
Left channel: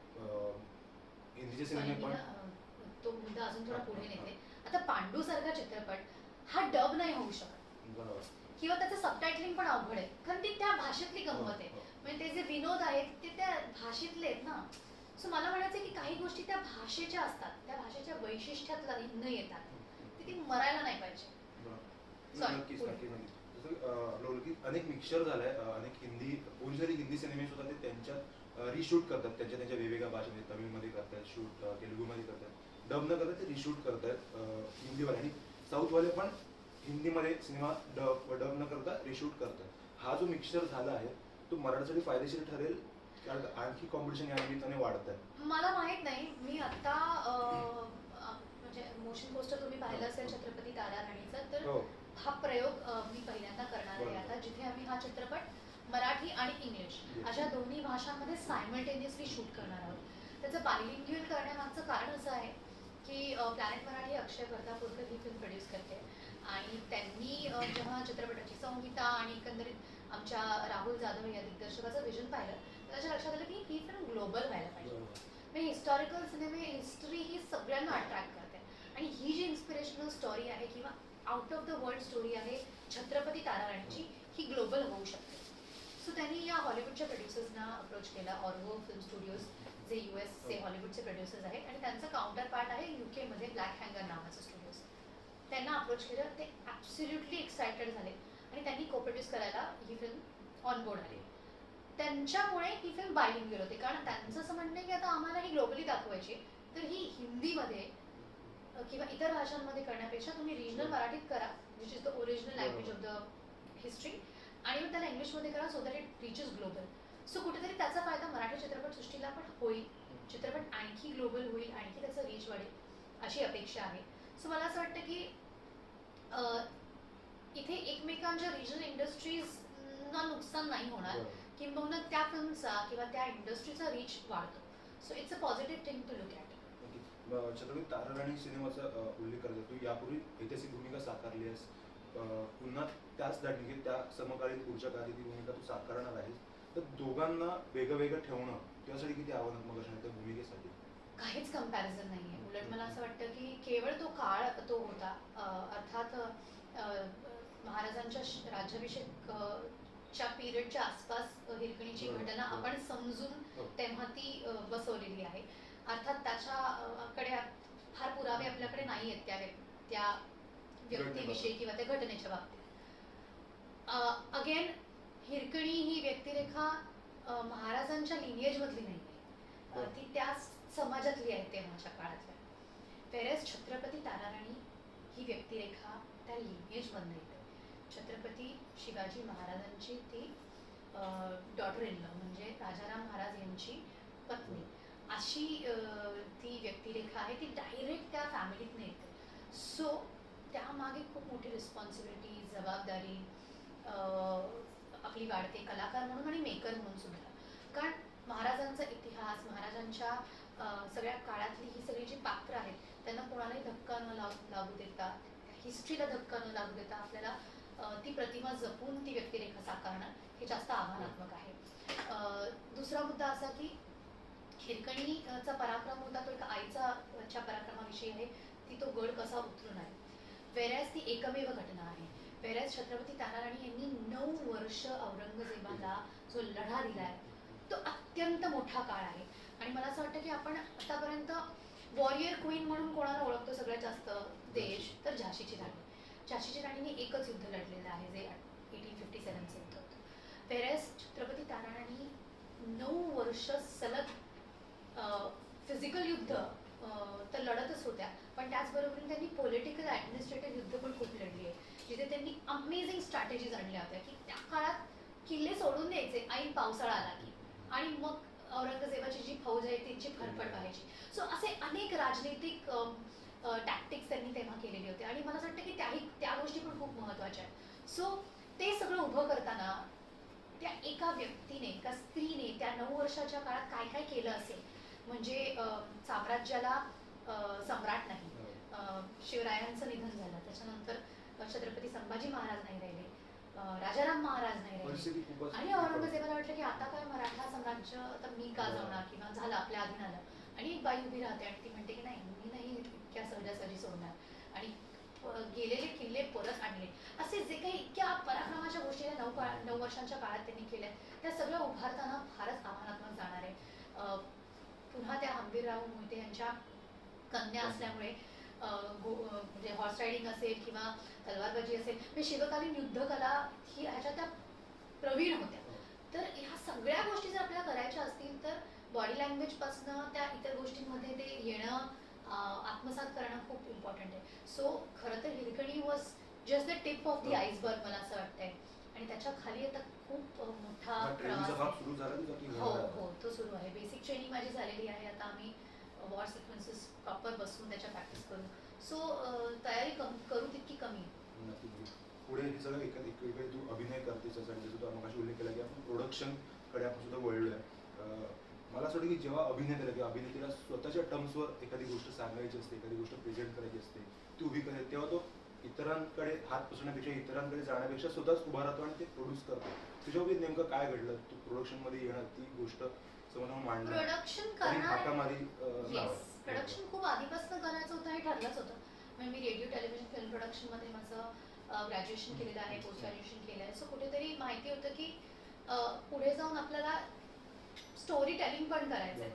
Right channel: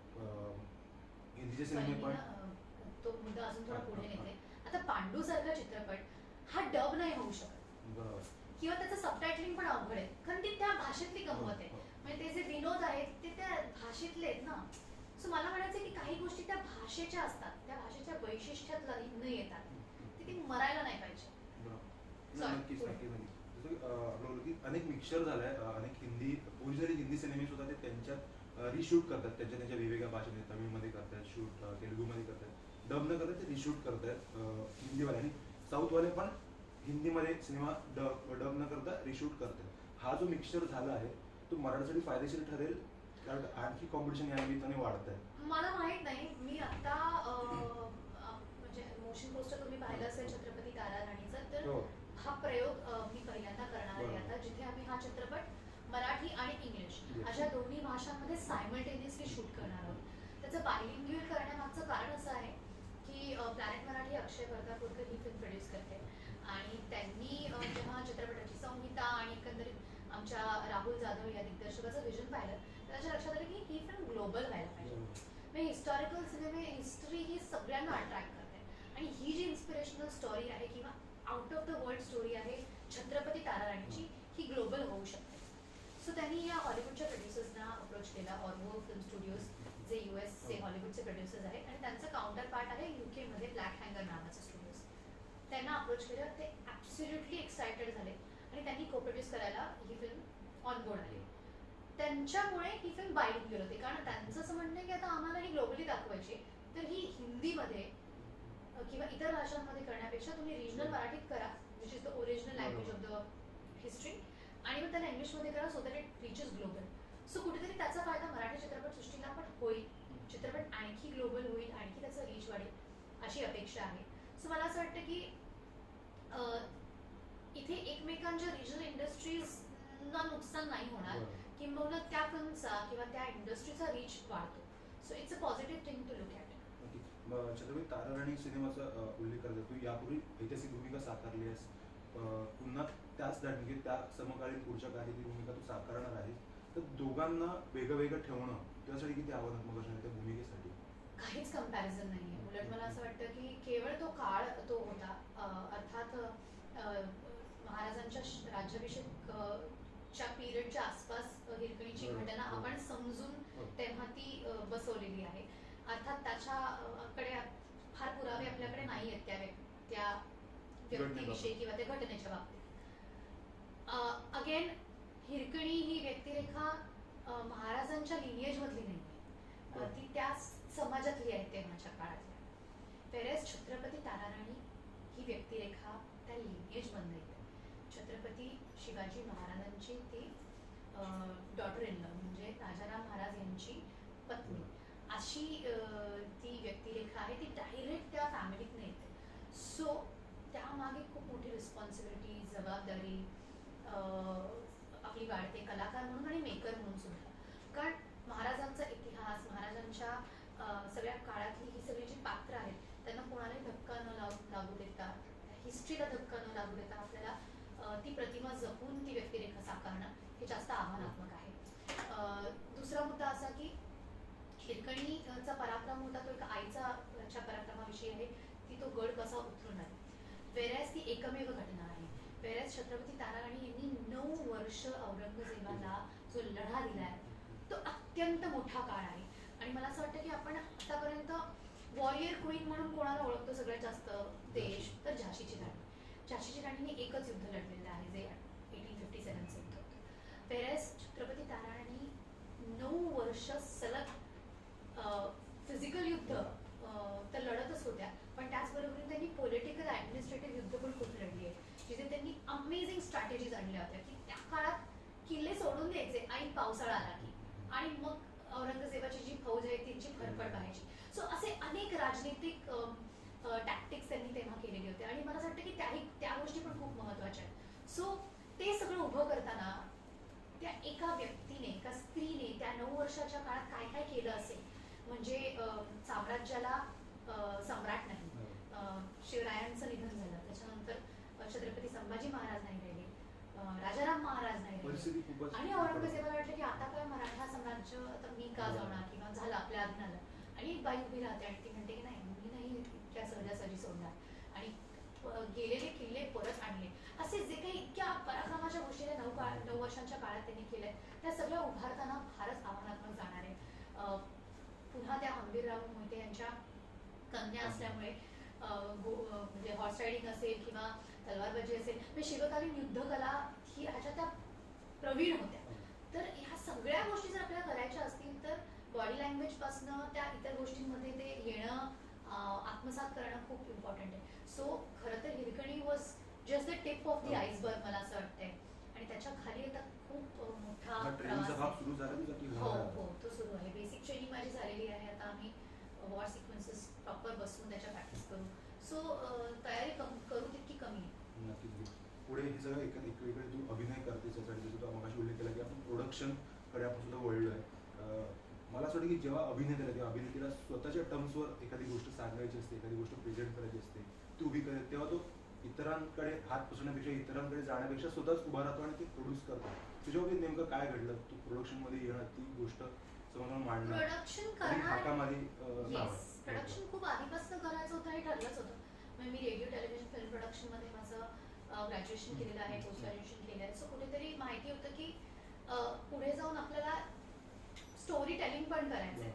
हिंदीचे सिनेमे पण तो मुद्दा अजून थोडा पुढे नेते. आता पांडू सारखा चित्रपट हा डब नाही होऊ शकत, बरोबर, किंवा त्याचं सबटायटलिंग पण अवघड आहे, कारण ती त्या भाषेतली गंमत आहे. म्हणजे ते जे विनोद आहेत ते त्या भाषेतले आहेत ना. सो मला म्हणायचं की काही गोष्टी त्या भाषेच्या असतात, त्या भाषेच्या वैशिष्ट्यात न येतात, ती मरायला नाही पाहिजे. नक्कीच नक्कीच नक्कीच. जसं आपलं बोललो की अनेक मिक्सचर झालाय, अनेक हिंदी ओरिजिनली हिंदी सिनेमे सुद्धा ते त्यांच्यात रिशूट करतात, त्यांच्या वेगवेगळ्या भाषेमध्ये, तमिळमध्ये करतात शूट, तेलुगूमध्ये करतात, डब न करतात ते रिशूट करतात हिंदीवाले, आणि साऊथवाले पण हिंदीमध्ये सिनेमा डब न करता रिशूट करतात. हा जो मिक्सचर झाला आहे तो मराठीसाठी फायदेशीर ठरेल, कारण आणखी कॉम्पिटिशन या निमित्ताने वाढत आहे. मला माहित नाही. मी आता म्हणजे मोशन पोस्टर तुम्ही पाहिलं असेल छत्रपती तारा राणीचं, तर हा प्रयोग मी पहिल्यांदा करणार आहे आता, जिथे आम्ही हा चित्रपट मराठी आणि इंग्लिश अशा दोन्ही भाषांमध्ये सायमल्टेनियसली शूट करणार आहोत. त्याचं बायलिंग्युअल करण्यामागचं कारण असं आहे की प्लॅनेट मराठी अक्षय वर्धापूरकर ही फिल्म प्रोड्यूस करते, आणि त्यांनी जेव्हा चित्रपटाची संहिता आणि एकंदरीत आमच्या राहुल जाधव या दिग्दर्शकाचं विजन पाहिलं, तर त्याच्या लक्षात आलं की ही फिल्म ग्लोबल व्हायला पाहिजे. म्हणजे हिस्टॉरिकल सिनेमे, हिस्ट्री ही सगळ्यांना अट्रॅक्ट करते, आणि ही जी इन्स्पिरेशनल स्टोरी आहे किंवा out of the world story आहे छत्रपती तारा राणीची, ही ग्लोबल होऊ शकते. सो त्यांनी या हॉलिवूडच्या प्रोड्युसर्सना अप्रोच केला, ऑर्वो फिल्म स्टुडिओज, जे चे हॉलिवूडचे प्रोड्युसर्स आहेत, आणि त्यांचं काउंटर पार्ट आहे UK मध्ये ब्लॅक हँगर नावाचं स्टुडिओज. त्यांना अप्रोच केलं, ते ॲब्सोल्युटली एक्सायटेड झाले आणि त्यांनी को प्रोड्यूस करायला ही फिल्म ऑन बोर्ड आली. त्यांच्यामुळे ही फिल्म बायलिंग्युअल होते, कारण त्यांचं असं म्हणणं आहे की आता आम्हाला ही ग्लोबली दाखवायची, तर ही हिंदीमध्ये किंवा इतर भाषांमध्ये करण्यापेक्षा तुम्ही रिजनल मराठीत करा, which is the original language of the history, आणि मग त्याला इंग्लिशमध्ये करा, so that it reaches global. So कुठेतरी त्याचा फायदा मराठी चित्रपटसृष्टीला पण होईल, चित्रपट आणखी ग्लोबल होईल, आणखी त्याचं रीच वाढेल अशी अपेक्षा आहे. सो मला असं वाटतं की इथे एकमेकांच्या रिजनल इंडस्ट्रीजना नुकसान नाही होणार, किंबहुना त्या फिल्मचा किंवा त्या इंडस्ट्रीचा रीच वाढतो. So it's a positive thing to look at. Chhatrapati Tara Rani सिनेमाचा उल्लेख करतो, तू यापूर्वी ऐतिहासिक भूमिका साकारली आहेस, पुन्हा त्याच धाटणी त्या समकालीन पुढच्या काळात ती भूमिका तू साकारणार आहेस, तर दोघांना वेगळं वेगळं ठेवणं त्यासाठी किती आव्हानात्मक असणार त्या भूमिकेसाठी? काहीच कंपॅरिझन नाही आहे. उलट मला असं वाटतं की केवळ तो काळ तो होता, अर्थात महाराजांच्या राज्याभिषेकच्या पिरियडच्या आसपास हिरकणीची घटना आपण समजून तेव्हा ती बसवलेली आहे. अर्थात त्याच्याकडे फार पुरावे आपल्याकडे नाही आहेत त्या व्यक्तीविषयी किंवा त्या घटनेच्या बाबतीत. अगेन हिरकणी ही व्यक्तिरेखा महाराजांच्या लिनिएजमधली नाही आहे, ती त्या समाजातली आहे तेव्हाच्या काळातल्या. वेरेस छत्रपती ताराराणी ही व्यक्तिरेखा त्या लिनिएजमधनं येते. छत्रपती शिवाजी महाराजांची ती डॉटर इन लॉ, म्हणजे राजाराम महाराज यांची पत्नी, अशी ती व्यक्तिरेखा आहे, ती डायरेक्ट त्या फॅमिलीतनं येते. सो त्यामागे खूप मोठी रिस्पॉन्सिबिलिटी, जबाबदारी आपली वाढते, कलाकार म्हणून आणि मेकर म्हणून सुद्धा. कारण महाराजांचा इतिहास, महाराजांच्या सगळ्या काळातली ही सगळी जी पात्र आहेत, त्यांना कोणालाही धक्का न लागू देता, हिस्ट्रीला धक्का न लागू देता आपल्याला ती प्रतिमा जपून ती व्यक्तिरेखा साकारणं हे जास्त आव्हानात्मक आहे. दुसरा मुद्दा असा की हिरकणीचा पराक्रम होता तो एक आईच्या पराक्रमाविषयी आहे, ती तो गड कसा उतरून आहे. वेरॅज ती एकमेव घटना आहे. वेरॅज छत्रपती ताराराणी यांनी 9 वर्ष औरंगजेबाला जो लढा दिलाय तो अत्यंत मोठा काळ आहे. आणि मला असं वाटतं की आपण आतापर्यंत वॉरियर क्वीन म्हणून कोणाला ओळखतो सगळ्यात जास्त देश, तर झाशीची राणी. झाशीची राणीने एकच युद्ध लढलेलं आहे, जे 1857चं युद्ध होतं. वेरेस छत्रपती ताराणी 9 वर्ष सलग फिजिकल युद्ध तर लढतच होत्या, पण त्याचबरोबर त्यांनी पॉलिटिकल ॲडमिनिस्ट्रेटिव्ह युद्ध पण खूप लढली आहे, जिथे त्यांनी अमेझिंग स्ट्रॅटेजीज आणल्या होत्या की त्या काळात किल्ले सोडून द्यायचे ऐन पावसाळा आला की, आणि मग औरंगजेबाची जी फौज आहे त्यांची फरफड पाहायची. सो असे अनेक राजनीतिक टॅक्टिक्स त्यांनी तेव्हा केलेले होते, आणि मला असं वाटतं की त्या गोष्टी पण खूप महत्त्वाच्या आहेत. सो ते सगळं उभं करताना त्या एका व्यक्तीने, एका स्त्रीने त्या 9 वर्षाच्या काळात काय काय केलं असेल, म्हणजे साम्राज्याला सम्राट नाही, शिवरायांचं निधन झालं, त्याच्यानंतर छत्रपती संभाजी महाराज नाही राहिले, राजाराम महाराज नाही राहिले, आणि औरंगजेबाला वाटलं की आता काय मराठा साम्राज्य आता मी का जाणार, किंवा झालं आपल्या अधीन आलं, आणि एक बाई उभी राहते आणि ती म्हणते की नाही मी नाही इतक्या सहजासहजी सोडणार, आणि गेलेले किल्ले परत आणले. असे जे काही इतक्या पराक्रमाच्या गोष्टी या 9 वर्षांच्या काळात त्यांनी केल्या, त्या सगळ्या उभारताना फारच आव्हानात्मक जाणार आहे. पुन्हा त्या हंबीरराव मोहिते यांच्या कन्या असल्यामुळे म्हणजे हॉर्स रायडिंग असेल किंवा तलवारबाजी असेल, म्हणजे शिवकालीन युद्धकला ही ह्याच्या त्या प्रवीण होत्या. तर ह्या सगळ्या गोष्टी जर आपल्याला करायच्या असतील तर बॉडी लँग्वेज पासनं त्या इतर गोष्टींमध्ये ते येणं, आत्मसात करणं खूप इम्पॉर्टंट आहे. सो खरं तर Hirkani was just the tip of the iceberg मला असं वाटतंय, आणि त्याच्या खाली आता खूप मोठा प्रवास आहे. हो, तो सुरू आहे. बेसिक ट्रेनिंग माझी झालेली आहे, आता आम्ही वॉर सिक्वेन्सेस प्रॉपर बसून त्याच्या प्रॅक्टिस करू. सो तयारी करू तितकी कमी आहे. पुढे हे सगळं इकडे तू अभिनय करतेस, आणि जसं तू मगाशी उल्लेख केला की आपण प्रोडक्शन कडे आपण सुद्धा वळलोय. मला असं वाटतं की जेव्हा अभिनेत्याला किंवा अभिनेत्रीला स्वतःच्या टर्म्सवर एखादी गोष्ट सांगायची असते, एखादी गोष्ट प्रेझेंट करायची असते, ती उभी करायची, तेव्हा तो इतरांकडे हात पसरण्यापेक्षा, इतरांकडे जाण्यापेक्षा स्वतःच उभा राहतो आणि ते प्रोड्यूस करतो. तुझ्यामध्ये नेमकं काय घडलं? तू प्रोडक्शन मध्ये येणार, ती गोष्ट समोरून मांडणं, प्रोडक्शन खूप आधीपासून करायचं होतं हे ठरलंच होतं. म्हणजे मी रेडिओ टेलिव्हिजन फिल्म प्रोडक्शन मध्ये माझं ग्रॅज्युएशन केलेलं आहे, पोस्ट ग्रॅज्युएशन केलं आहे. सो कुठेतरी माहिती होतं की पुढे जाऊन आपल्याला स्टोरी टेलिंग पण करायचं आहे.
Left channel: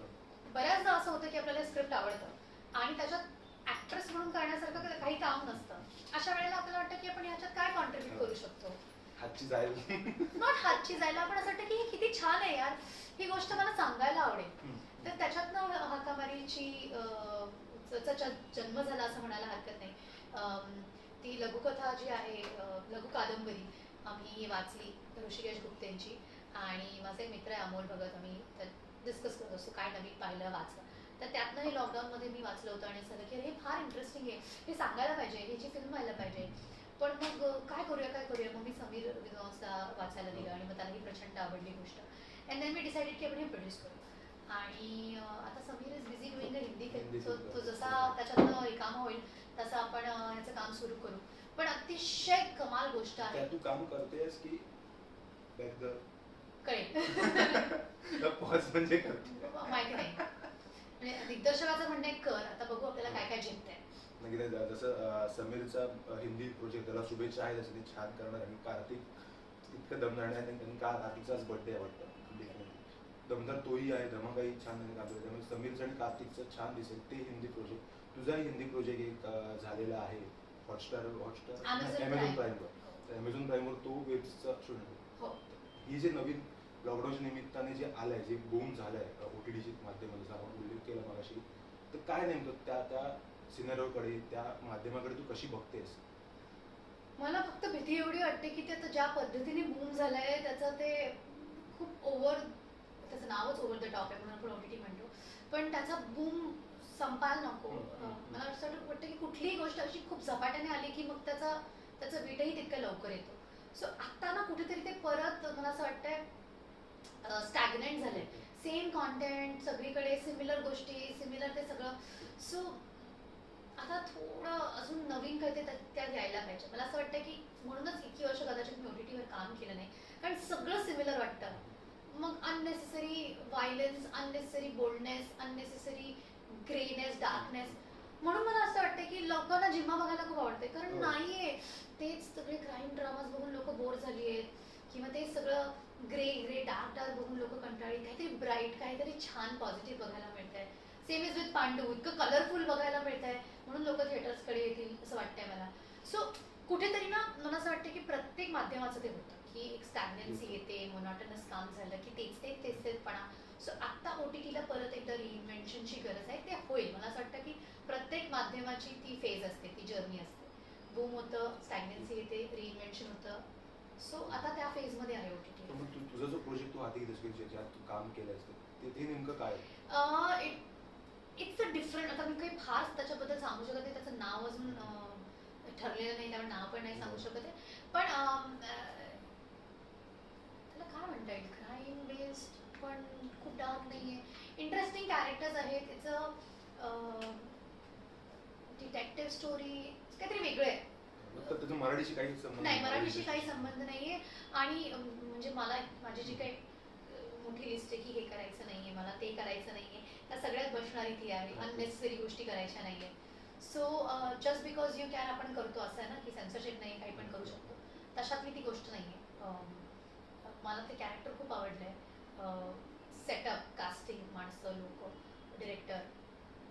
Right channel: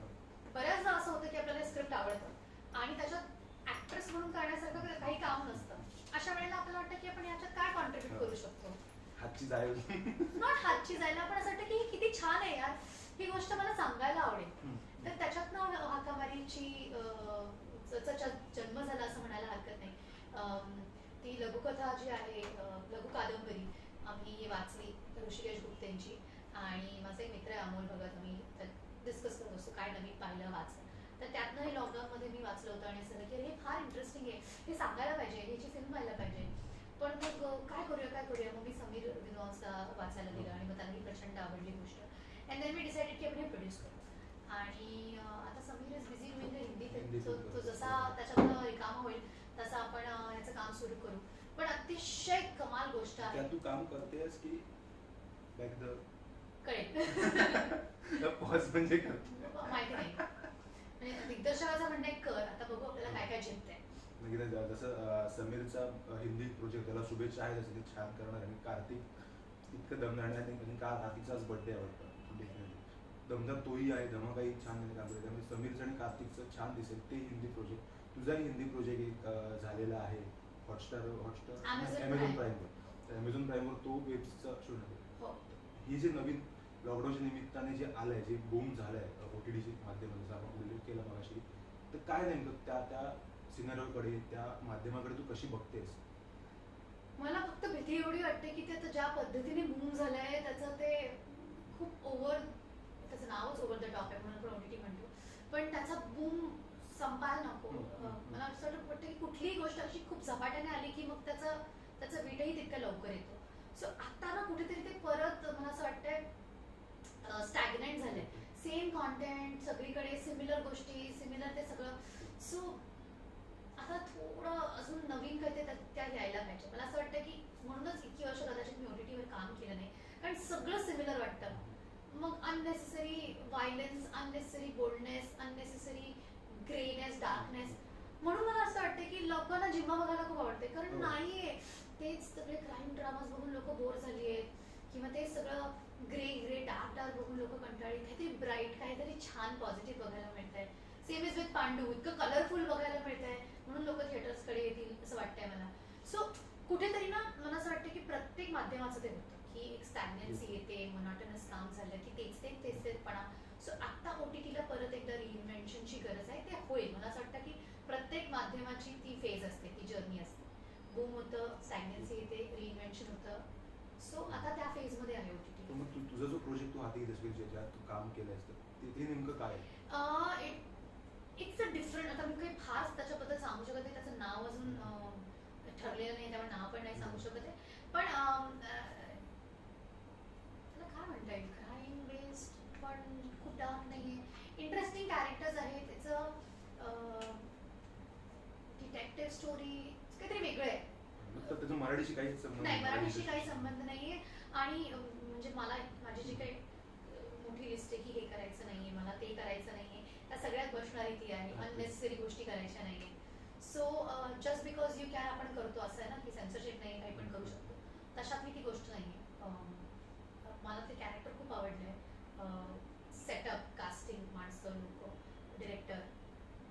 बऱ्याचदा असं होतं की आपल्याला स्क्रिप्ट आवडतं आणि त्याच्यात ऍक्ट्रेस म्हणून करण्यासारखं काही काम नसतं. अशा वेळेला आपल्याला वाटतं की आपण ह्याच्यात काय कॉन्ट्रीब्यूट करू शकतो, हातची जायला नॉट हातची जायला, आपण असं वाटतं की हे किती छान आहे यार, ही गोष्ट मला सांगायला आवडेल. तर त्याच्यातनं हाकामारीची जन्म झाला असं म्हणायला हरकत नाही. ती लघुकथा जी आहे, लघु कादंबरी आम्ही वाचली ऋषिकेश गुप्तेंची, आणि माझा एक मित्र आहे अमोल भगत, आम्ही डिस्कस करत असतो काय नवीन पाहिलं वाचलं. तर त्यातनं हे लॉकडाऊनमध्ये मी वाचलं होतं आणि असं की हे फार इंटरेस्टिंग आहे, हे सांगायला पाहिजे, ह्याची फिल्म व्हायला पाहिजे. पण मग काय करूया, मग मी समीर विद्वांसला वाचायला दिलं आणि मग त्यालाही प्रचंड आवडली गोष्ट. अँड देन मी डिसाइडेड की आपण हे प्रोड्यूस करू. आणि आता Sameer is busy doing a Hindi film, तो जसा त्याच्यातनं रिकामा होईल तसं आपण ह्याचं काम सुरू करू. पण अतिशय कमाल गोष्ट आहे. तू काम करतेस की बॅक द कळेल पॉज म्हणजे माहिती नाही, म्हणजे दिग्दर्शकाचं म्हणणं आहे कर, आता बघू आपल्याला काय काय झेपतंय. नक्की. जसं समीरचा हिंदी प्रोजेक्ट, त्याला शुभेच्छा आहेत, तसं ते छान करणार. आणि कार्तिक इतकं दमदार आहे, त्यांनी काल कार्तिकचाच बर्थडे आहे वाटतं, डेफिनेटली दमदार तोही आहे, धमाकाही छान काम केलं. त्यामुळे समीरचं आणि कार्तिकचं छान दिसेल ते हिंदी प्रोजेक्ट. तुझाही हिंदी प्रोजेक्ट एक झालेला आहे हॉटस्टार अमेझॉन प्राईमवर तो वेबचा शूट होतो. ही जे नवीन लॉकडाऊनच्या निमित्ताने जे आलंय, जे बूम झालंय OTTच्या माध्यमातून, जसं आपण उल्लेख केला मगाशी, तर काय नेमकं त्या सिनेरोकडे, त्या माध्यमाकडे तू कशी बघतेस? मला फक्त भीती एवढी वाटते की ते ज्या पद्धतीने बूम झालंय त्याचं ते खूप त्याचं नावच ओव्हर द टॉप आहे म्हणून आपण OTT म्हणतो, पण त्याचा बूम संपायला नको. मला असं वाटतं की कुठलीही गोष्ट अशी खूप झपाट्याने आली की मग त्याचं वेटही तितकं लवकर येतो. सो आता ना कुठेतरी ते परत मला असं वाटतंय स्टॅग्नंट झालंय. सेम कॉन्टेंट सगळीकडे, सिमिलर गोष्टी, सिमिलर ते सगळं. सो आता थोडं अजून नवीन काय ते त्यात यायला पाहिजे. मला असं वाटतं की म्हणूनच इतकी वर्ष कदाचित मी OTT वर काम केलं नाही, कारण सगळं सिमिलर वाटतं. मग unnecessary violence, unnecessary boldness, unnecessary greyness, darkness. म्हणून मला असं वाटतं की लोकांना जिम्मा बघायला खूप आवडते, कारण नाहीये तेच सगळे क्राईम ड्रामाज बघून लोक बोर झाली आहेत, किंवा ते सगळं ग्रे डार्क बघून लोक कंटाळी. काहीतरी ब्राईट, काहीतरी छान पॉझिटिव्ह बघायला मिळतंय. सेम इज विथ पांडू, इतकं कलरफुल बघायला मिळतंय, म्हणून लोक थिएटर्सकडे येतील असं वाटतंय मला. सो कुठेतरी ना मला असं वाटतं की प्रत्येक माध्यमाचं ते होतं की एक स्टॅग्नन्सी येते, मोनोटोनस काम झालं की तेच तेचपणा. सो आत्ता OTTला परत एकदा रिइन्व्हेन्शनची गरज आहे. ते होईल. मला असं वाटतं की प्रत्येक माध्यमाची ती फेज असते, ती जर्नी असते. बूम होतं, स्टॅग्नन्सी येते, रिइन्व्हेन्शन होतं. सो आता त्या फेजमध्ये आहे OTT. तर मग तुझा जो प्रोजेक्ट तू हाती घेतलास की ज्याच्यात तू काम केलंयस ते नेमकं काय आहे? It's a different. आता मी काही खास त्याच्याबद्दल सांगू शकत नाही. त्याचं नाव अजून ठरलेलं नाही, त्यामुळे नाव पण नाही सांगू शकत आहे. पण त्याला काय म्हणता येईल, क्राईम बेस्ड पण खूप डार्क नाहीये. इंटरेस्टिंग कॅरेक्टर्स आहेत. त्याचं डिटेक्टिव्ह स्टोरी काहीतरी वेगळं आहे. मग तर त्याचा मराठीशी काही संबंध नाही, मराठीशी काही संबंध नाहीये. आणि म्हणजे मला माझी जी काही मोठी लिस्ट आहे की हे करायचं नाहीये, मला ते करायचं नाहीये, त्या सगळ्यात बसणारी ती आहे. अननेसेसरी गोष्टी करायच्या नाहीये. So just because you can आपण करतो असं आहे ना, की सेन्सरशिप नाही, काही पण करू शकतो. तशातली ती गोष्ट नाहीये. मला ते कॅरेक्टर खूप आवडलंय. सेटअप, कास्टिंग, माणसं, लोक, director,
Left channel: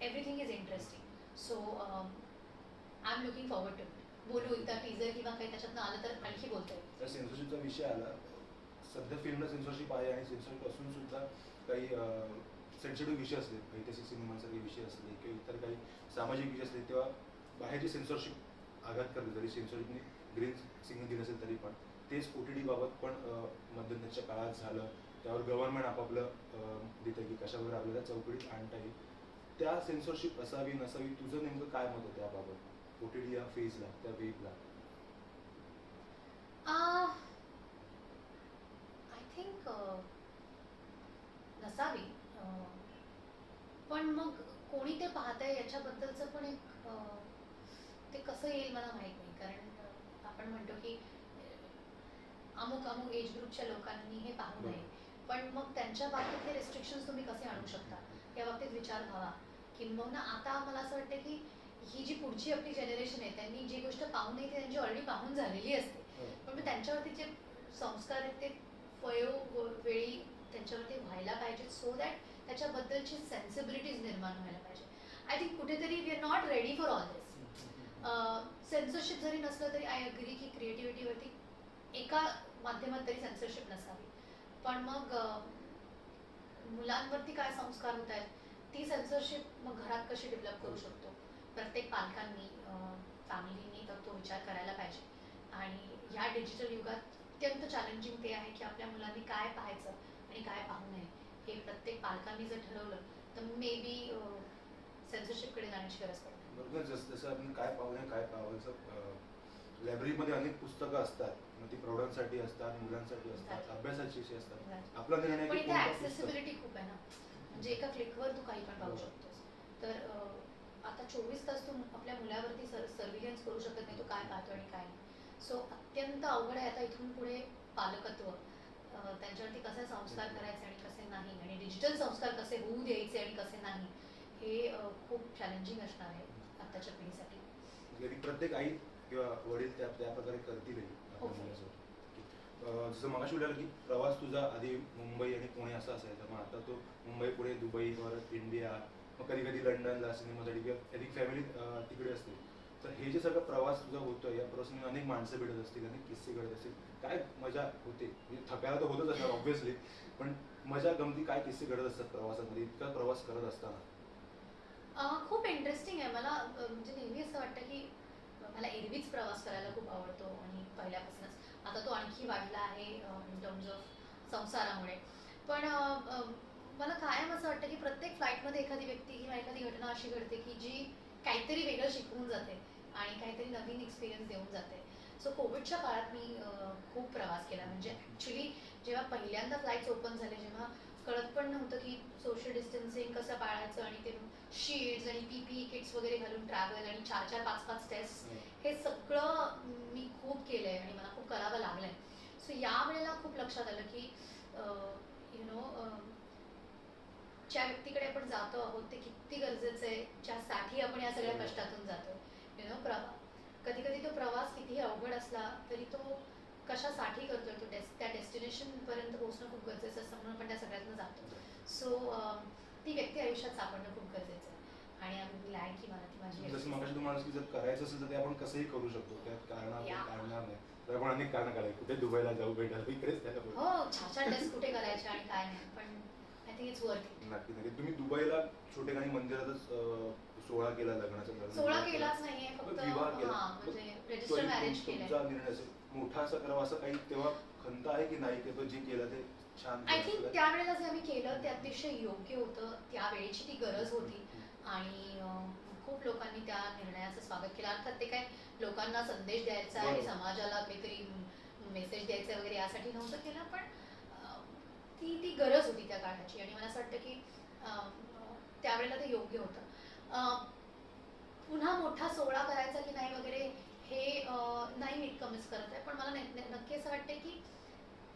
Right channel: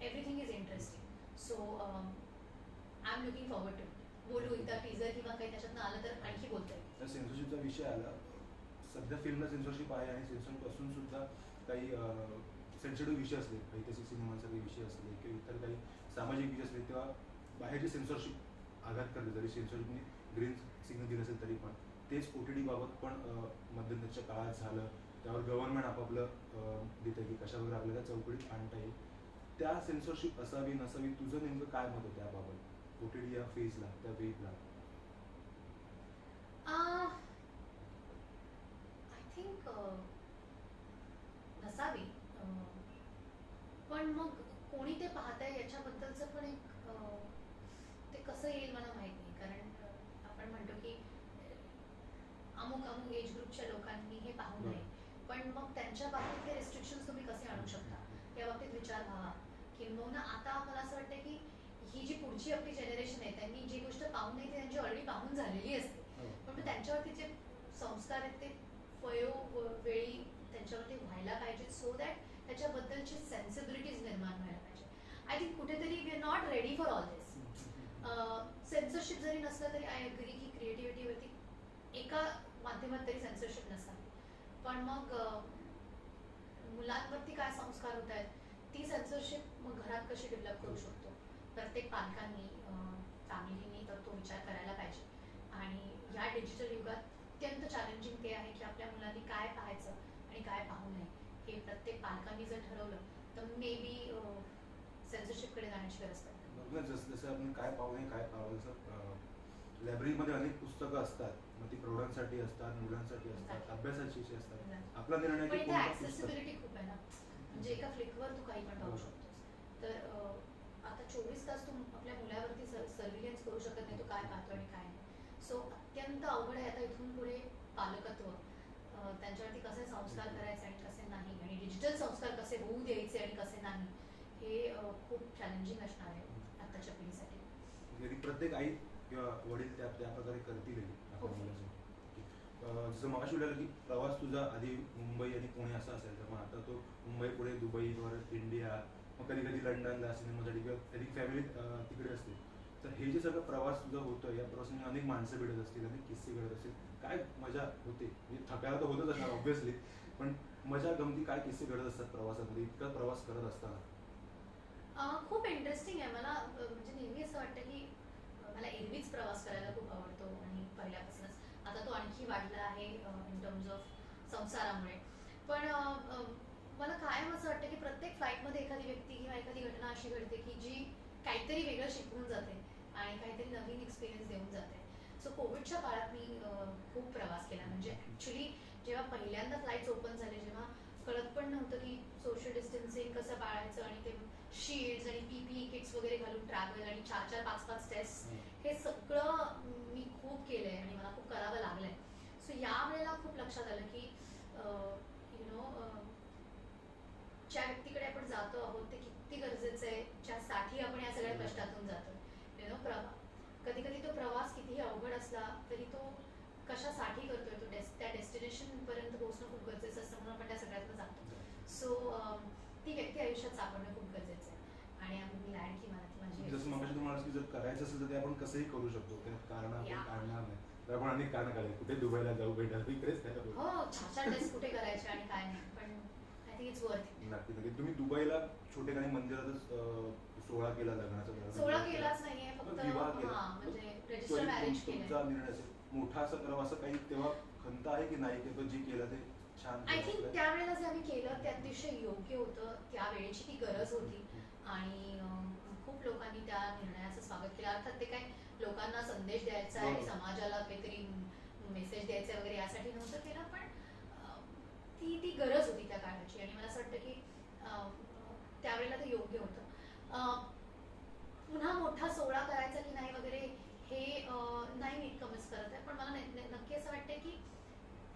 everything is interesting. So I am looking forward to it. बोलू एकदा टीजर किंवा काही त्याच्यातनं आलं तर आणखी बोलता येईल. तर सेन्सरशिपचा विषय आला. सध्या फिल्मला सेन्सरशिप आहे आणि सेन्सरशिप असून सुद्धा काही सेन्सिटिव्ह विषय असले, ऐतिहासिक सिनेमांसारखे विषय असले किंवा इतर काही सामाजिक विषय असले, तेव्हा बाहेरची सेन्सरशिप आघात करते. जरी सेन्सरशिपने ग्रीन सिग्नल दिलं असेल तरी पण तेच OTT बाबत पण मध्यंतरच्या काळात झालं. त्यावर गव्हर्नमेंट आपापलं देतं की कशा वगैरे आपल्याला चौकटीत आणता येईल. त्या सेन्सरशिप असावी नसावी, तुझं नेमकं काय मत आहे त्याबाबत? OTT या फेजला, त्या वेगला आय थिंक नसावी. पण मग कोणी ते पाहतंय याच्याबद्दलचं पण एक ते कसं येईल मला माहित नाही. कारण आपण म्हणतो की अमुक अमुक एज ग्रुपच्या लोकांनी हे पाहू नये. पण मग त्यांच्या बाबतीतले रिस्ट्रिक्शन्स तुम्ही कसे आणू शकता या बाबतीत विचार व्हावा. किंबहुना आता मला असं वाटतं की ही जी पुढची आपली जनरेशन आहे, त्यांनी जी गोष्ट पाहू नये ती त्यांची ऑलरेडी पाहून झालेली असते. पण मग त्यांच्यावरती जे संस्कार आहेत ते वेळी त्यांच्यावरती व्हायला पाहिजेत, सो दॅट त्याच्याबद्दलची सेन्सिबिलिटीज निर्माण व्हायला पाहिजे. आय थिंक कुठेतरी we are not ready for all this. Censorship जरी नसलं तरी आय अग्री की क्रिएटिव्हिटीवरती एका माध्यमात तरी सेन्सरशिप नसावी. पण मग मुलांवरती काय संस्कार होत आहेत, ती सेन्सरशिप मग घरात कशी डेव्हलप करू शकतो. प्रत्येक पालकांनी, फॅमिलीनी तर तो विचार करायला पाहिजे. आणि ह्या डिजिटल युगात अत्यंत चॅलेंजिंग ते आहे की आपल्या मुलांनी काय पाहायचं आणि काय पाहू नये हे प्रत्येक पालकांनी जर ठरवलं तर मे बी सेन्सरशिपकडे जाण्याची गरज पडते. जसं आपण काय पाहू नये काय पाहावं, जसं लायब्ररीमध्ये अनेक पुस्तकं असतात. मग ती प्रौढांसाठी असतात, मुलांसाठी असतात, अभ्यासाचे विषय असतात. आपला निर्णय पण की इथे कोणतं ऍक्सेसिबिलिटी खूप आहे ना. म्हणजे एका क्लिकवर तू काही पण पाहू शकतोस. तर आता 24 तास तू आपल्या मुलावरती सर्व्हिलन्स करू शकत नाही, तो काय पाहतो आणि काय नाही. सो अत्यंत अवघड आहे आता इथून पुढे पालकत्व. त्यांच्यावरती कसे संस्कार करायचे आणि कसे नाही, आणि डिजिटल संस्कार कसे होऊ द्यायचे आणि कसे नाही, हे खूप चॅलेंजिंग असणार आहे आत्ताच्या पिढीसाठी. म्हणजे प्रत्येक आई किंवा वडील त्या प्रकारे करतीलही आपल्या Hopefully. मुलाचं. जसं मगाशी बोललं की प्रवास तुझा आधी मुंबई आणि पुणे असा असायचा, मग आता तो मुंबई, पुणे, दुबई, परत इंडिया, मग कधी कधी लंडनला सिनेमासाठी किंवा कधी फॅमिली तिकडे असते. तर हे जे सगळं प्रवास तुझा होतोय, या प्रवासाने अनेक माणसं भेटत असतील, अनेक किस्से घडत असतील, काय मजा होते? म्हणजे थकायला तर होतच असणार ऑब्व्हियसली, पण मजा गमती काय किस्से घडत असतात प्रवासामध्ये इतका प्रवास करत असताना? खूप इंटरेस्टिंग आहे. मला म्हणजे नेहमी असं वाटतं की मला एरवीच प्रवास करायला खूप आवडतो आणि पहिल्यापासूनच. आता तो आणखी वाढला आहे इन टर्म्स ऑफ संसारामुळे. पण मला कायम असं वाटतं की प्रत्येक फ्लाईटमध्ये एखादी व्यक्ती किंवा एखादी घटना अशी घडते की जी काहीतरी वेगळं शिकवून जाते आणि काहीतरी नवीन एक्सपिरियन्स देऊन जाते. सो कोविडच्या काळात मी खूप प्रवास केला. म्हणजे ॲक्च्युली जेव्हा पहिल्यांदा फ्लाईट्स ओपन झाले, जेव्हा कळत पण नव्हतं की सोशल डिस्टन्सिंग कसं पाळायचं, आणि ते शीट्स आणि PPE किट्स वगैरे घालून ट्रॅव्हल आणि 4-4, 5-5 टेस्ट, हे सगळं मी खूप केलं आहे आणि मला खूप करावं लागलं आहे. सो यावेळेला खूप लक्षात आलं की यु नो ज्या व्यक्तीकडे आपण जातो आहोत ते किती गरजेचं आहे, ज्यासाठी आपण या सगळ्या कष्टातून जातो. यु नो कधी कधी तो प्रवास कितीही अवघड असला तरी तो कशासाठी करतोय, तो त्या डेस्टिनेशनपर्यंत पोहोचणं खूप गरजेचं असतं, म्हणून आपण त्या सगळ्यातनं जातो. सो ती व्यक्ती आयुष्यात सापडणं खूप गरजेचं आहे. आणि आम्ही ग्लॅड की मला ती माझी जसं मगाशी तुम्हाला की जर करायचं असेल तर ते आपण कसंही करू शकतो, त्यात कारण आपण काढणार नाही. तर आपण अनेक कारण काढले कुठे दुबईला जाऊ भेटायला इकडेच त्याला बोलू. हो छान टेस्ट कुठे करायचे आणि काय नाही, पण आय थिंक इट्स वर्थ. नक्की नक्की. तुम्ही दुबईला छोटेखानी मंदिरातच सोहळा केला लग्नाचा लग्न सोहळा केला. केलाच नाहीये, फक्त विवाह केला. हा म्हणजे मग रजिस्टर तो मॅरेज केलंय. तुमचा निर्णय असेल मोठा असं करावं असं काही तेव्हा खंत आहे की नाही की तो जे केलं ते छान आय केलं थिंक असं? त्यावेळेला जे आम्ही केलं ते अतिशय योग्य होतं, त्यावेळेची ती गरज होती आणि खूप लोकांनी त्या निर्णयाचं स्वागत केलं. अर्थात ते काय लोकांना संदेश द्यायचा आहे, बरोबर. समाजाला काहीतरी मेसेज द्यायचा वगैरे यासाठी नव्हतं केलं, पण ती गरज होती त्या काळाची आणि मला असं वाटतं की त्यावेळेला ते योग्य होतं. पुन्हा मोठा सोहळा करायचा की नाही वगैरे हे नाही मी इतकं मिस करत आहे, पण मला नक्की असं वाटतं की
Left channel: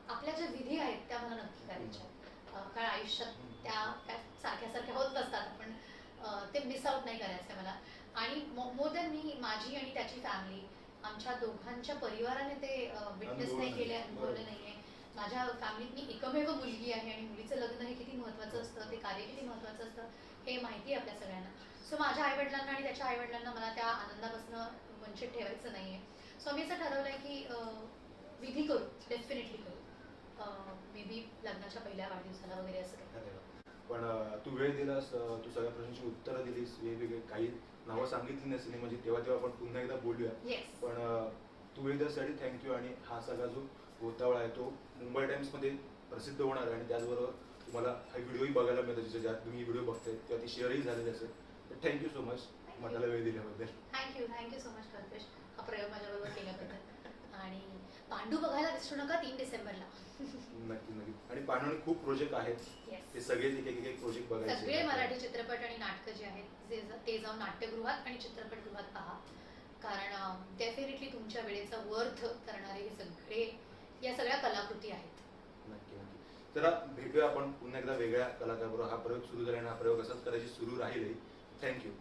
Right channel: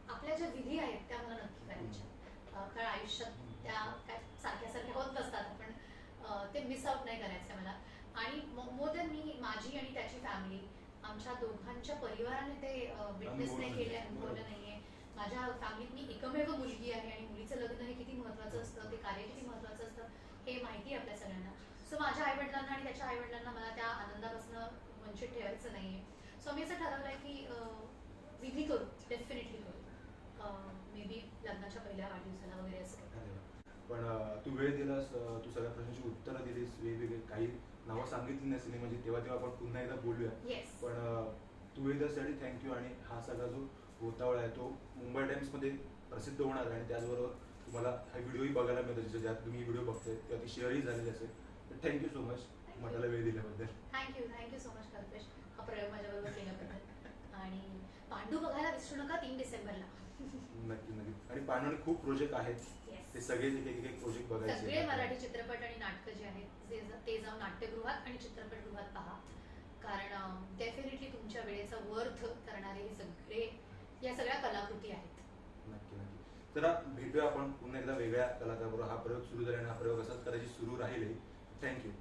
आपल्या ज्या विधी आहेत त्या मला नक्की करायच्या, कारण आयुष्यात त्या काय सारख्या सारख्या होत नसतात, आपण ते मिस आउट नाही करायचं मला. आणि मोर दॅन मी, माझी आणि त्याची फॅमिली, आमच्या दोघांच्या परिवाराने ते विटनेस नाही केले, अनुभवलं नाहीये. माझ्या फॅमिलीत मी एकमेव मुलगी आहे आणि मुलीचं लग्न हे किती महत्त्वाचं असतं, ते कार्य किती महत्त्वाचं असतं हे माहिती आहे आपल्या सगळ्यांना. सो माझ्या आईवडिलांना आणि त्याच्या आईवडिलांना मला त्या आनंदापासून वंचित ठेवायचं नाहीये. सो आम्ही असं ठरवलं आहे की विधी करू, डेफिनेटली करू. मे बी लग्नाच्या पहिल्या वाढदिवसाला वगैरे असं काही. अरे वा. पण तू वेळ दिलास, तू सगळ्या प्रश्नांची उत्तरं दिलीस, वेगवेगळे काही नावं सांगितली नाही सिनेमा म्हणजे तेव्हा आपण पुन्हा एकदा बोलूया. येस. पण तू वेळ दिल्यासाठी थँक्यू. आणि हा सगळा जो गोतावळा आहे तो मुंबई टाइम्समध्ये प्रसिद्ध होणार आहे आणि त्याचबरोबर तुम्हाला हा व्हिडिओही बघायला मिळतो, ज्यात तुम्ही व्हिडिओ बघताय तेव्हा ती शेअरही झालेली असेल. तर थँक्यू सो मच मठाला वेळ दिल्याबद्दल. थँक्यू सो मच कल्पेश, हा प्रयोग माझ्याबरोबर केल्याबद्दल. आणि पांडू बघायला विसरू नका 3 डिसेंबरला. नक्की नक्की. आणि पांडवानी खूप प्रोजेक्ट आहेत, येस. ते सगळे एक एक प्रोजेक्ट बघायचे. सगळे मराठी चित्रपट आणि नाटकं जे आहेत ते जाऊन नाट्यगृहात आणि चित्रपटगृहात पहा, कारण डेफिनेटली तुमच्या वेळेचा वर्थ करणारे हे सगळे, या सगळ्या कलाकृती आहेत. नक्की नक्की. तर भेटूया आपण पुन्हा एकदा वेगळ्या कलाकाराबरोबर. हा प्रयोग सुरू झाला आणि हा प्रयोग असाच करायची सुरू राहील. थँक्यू.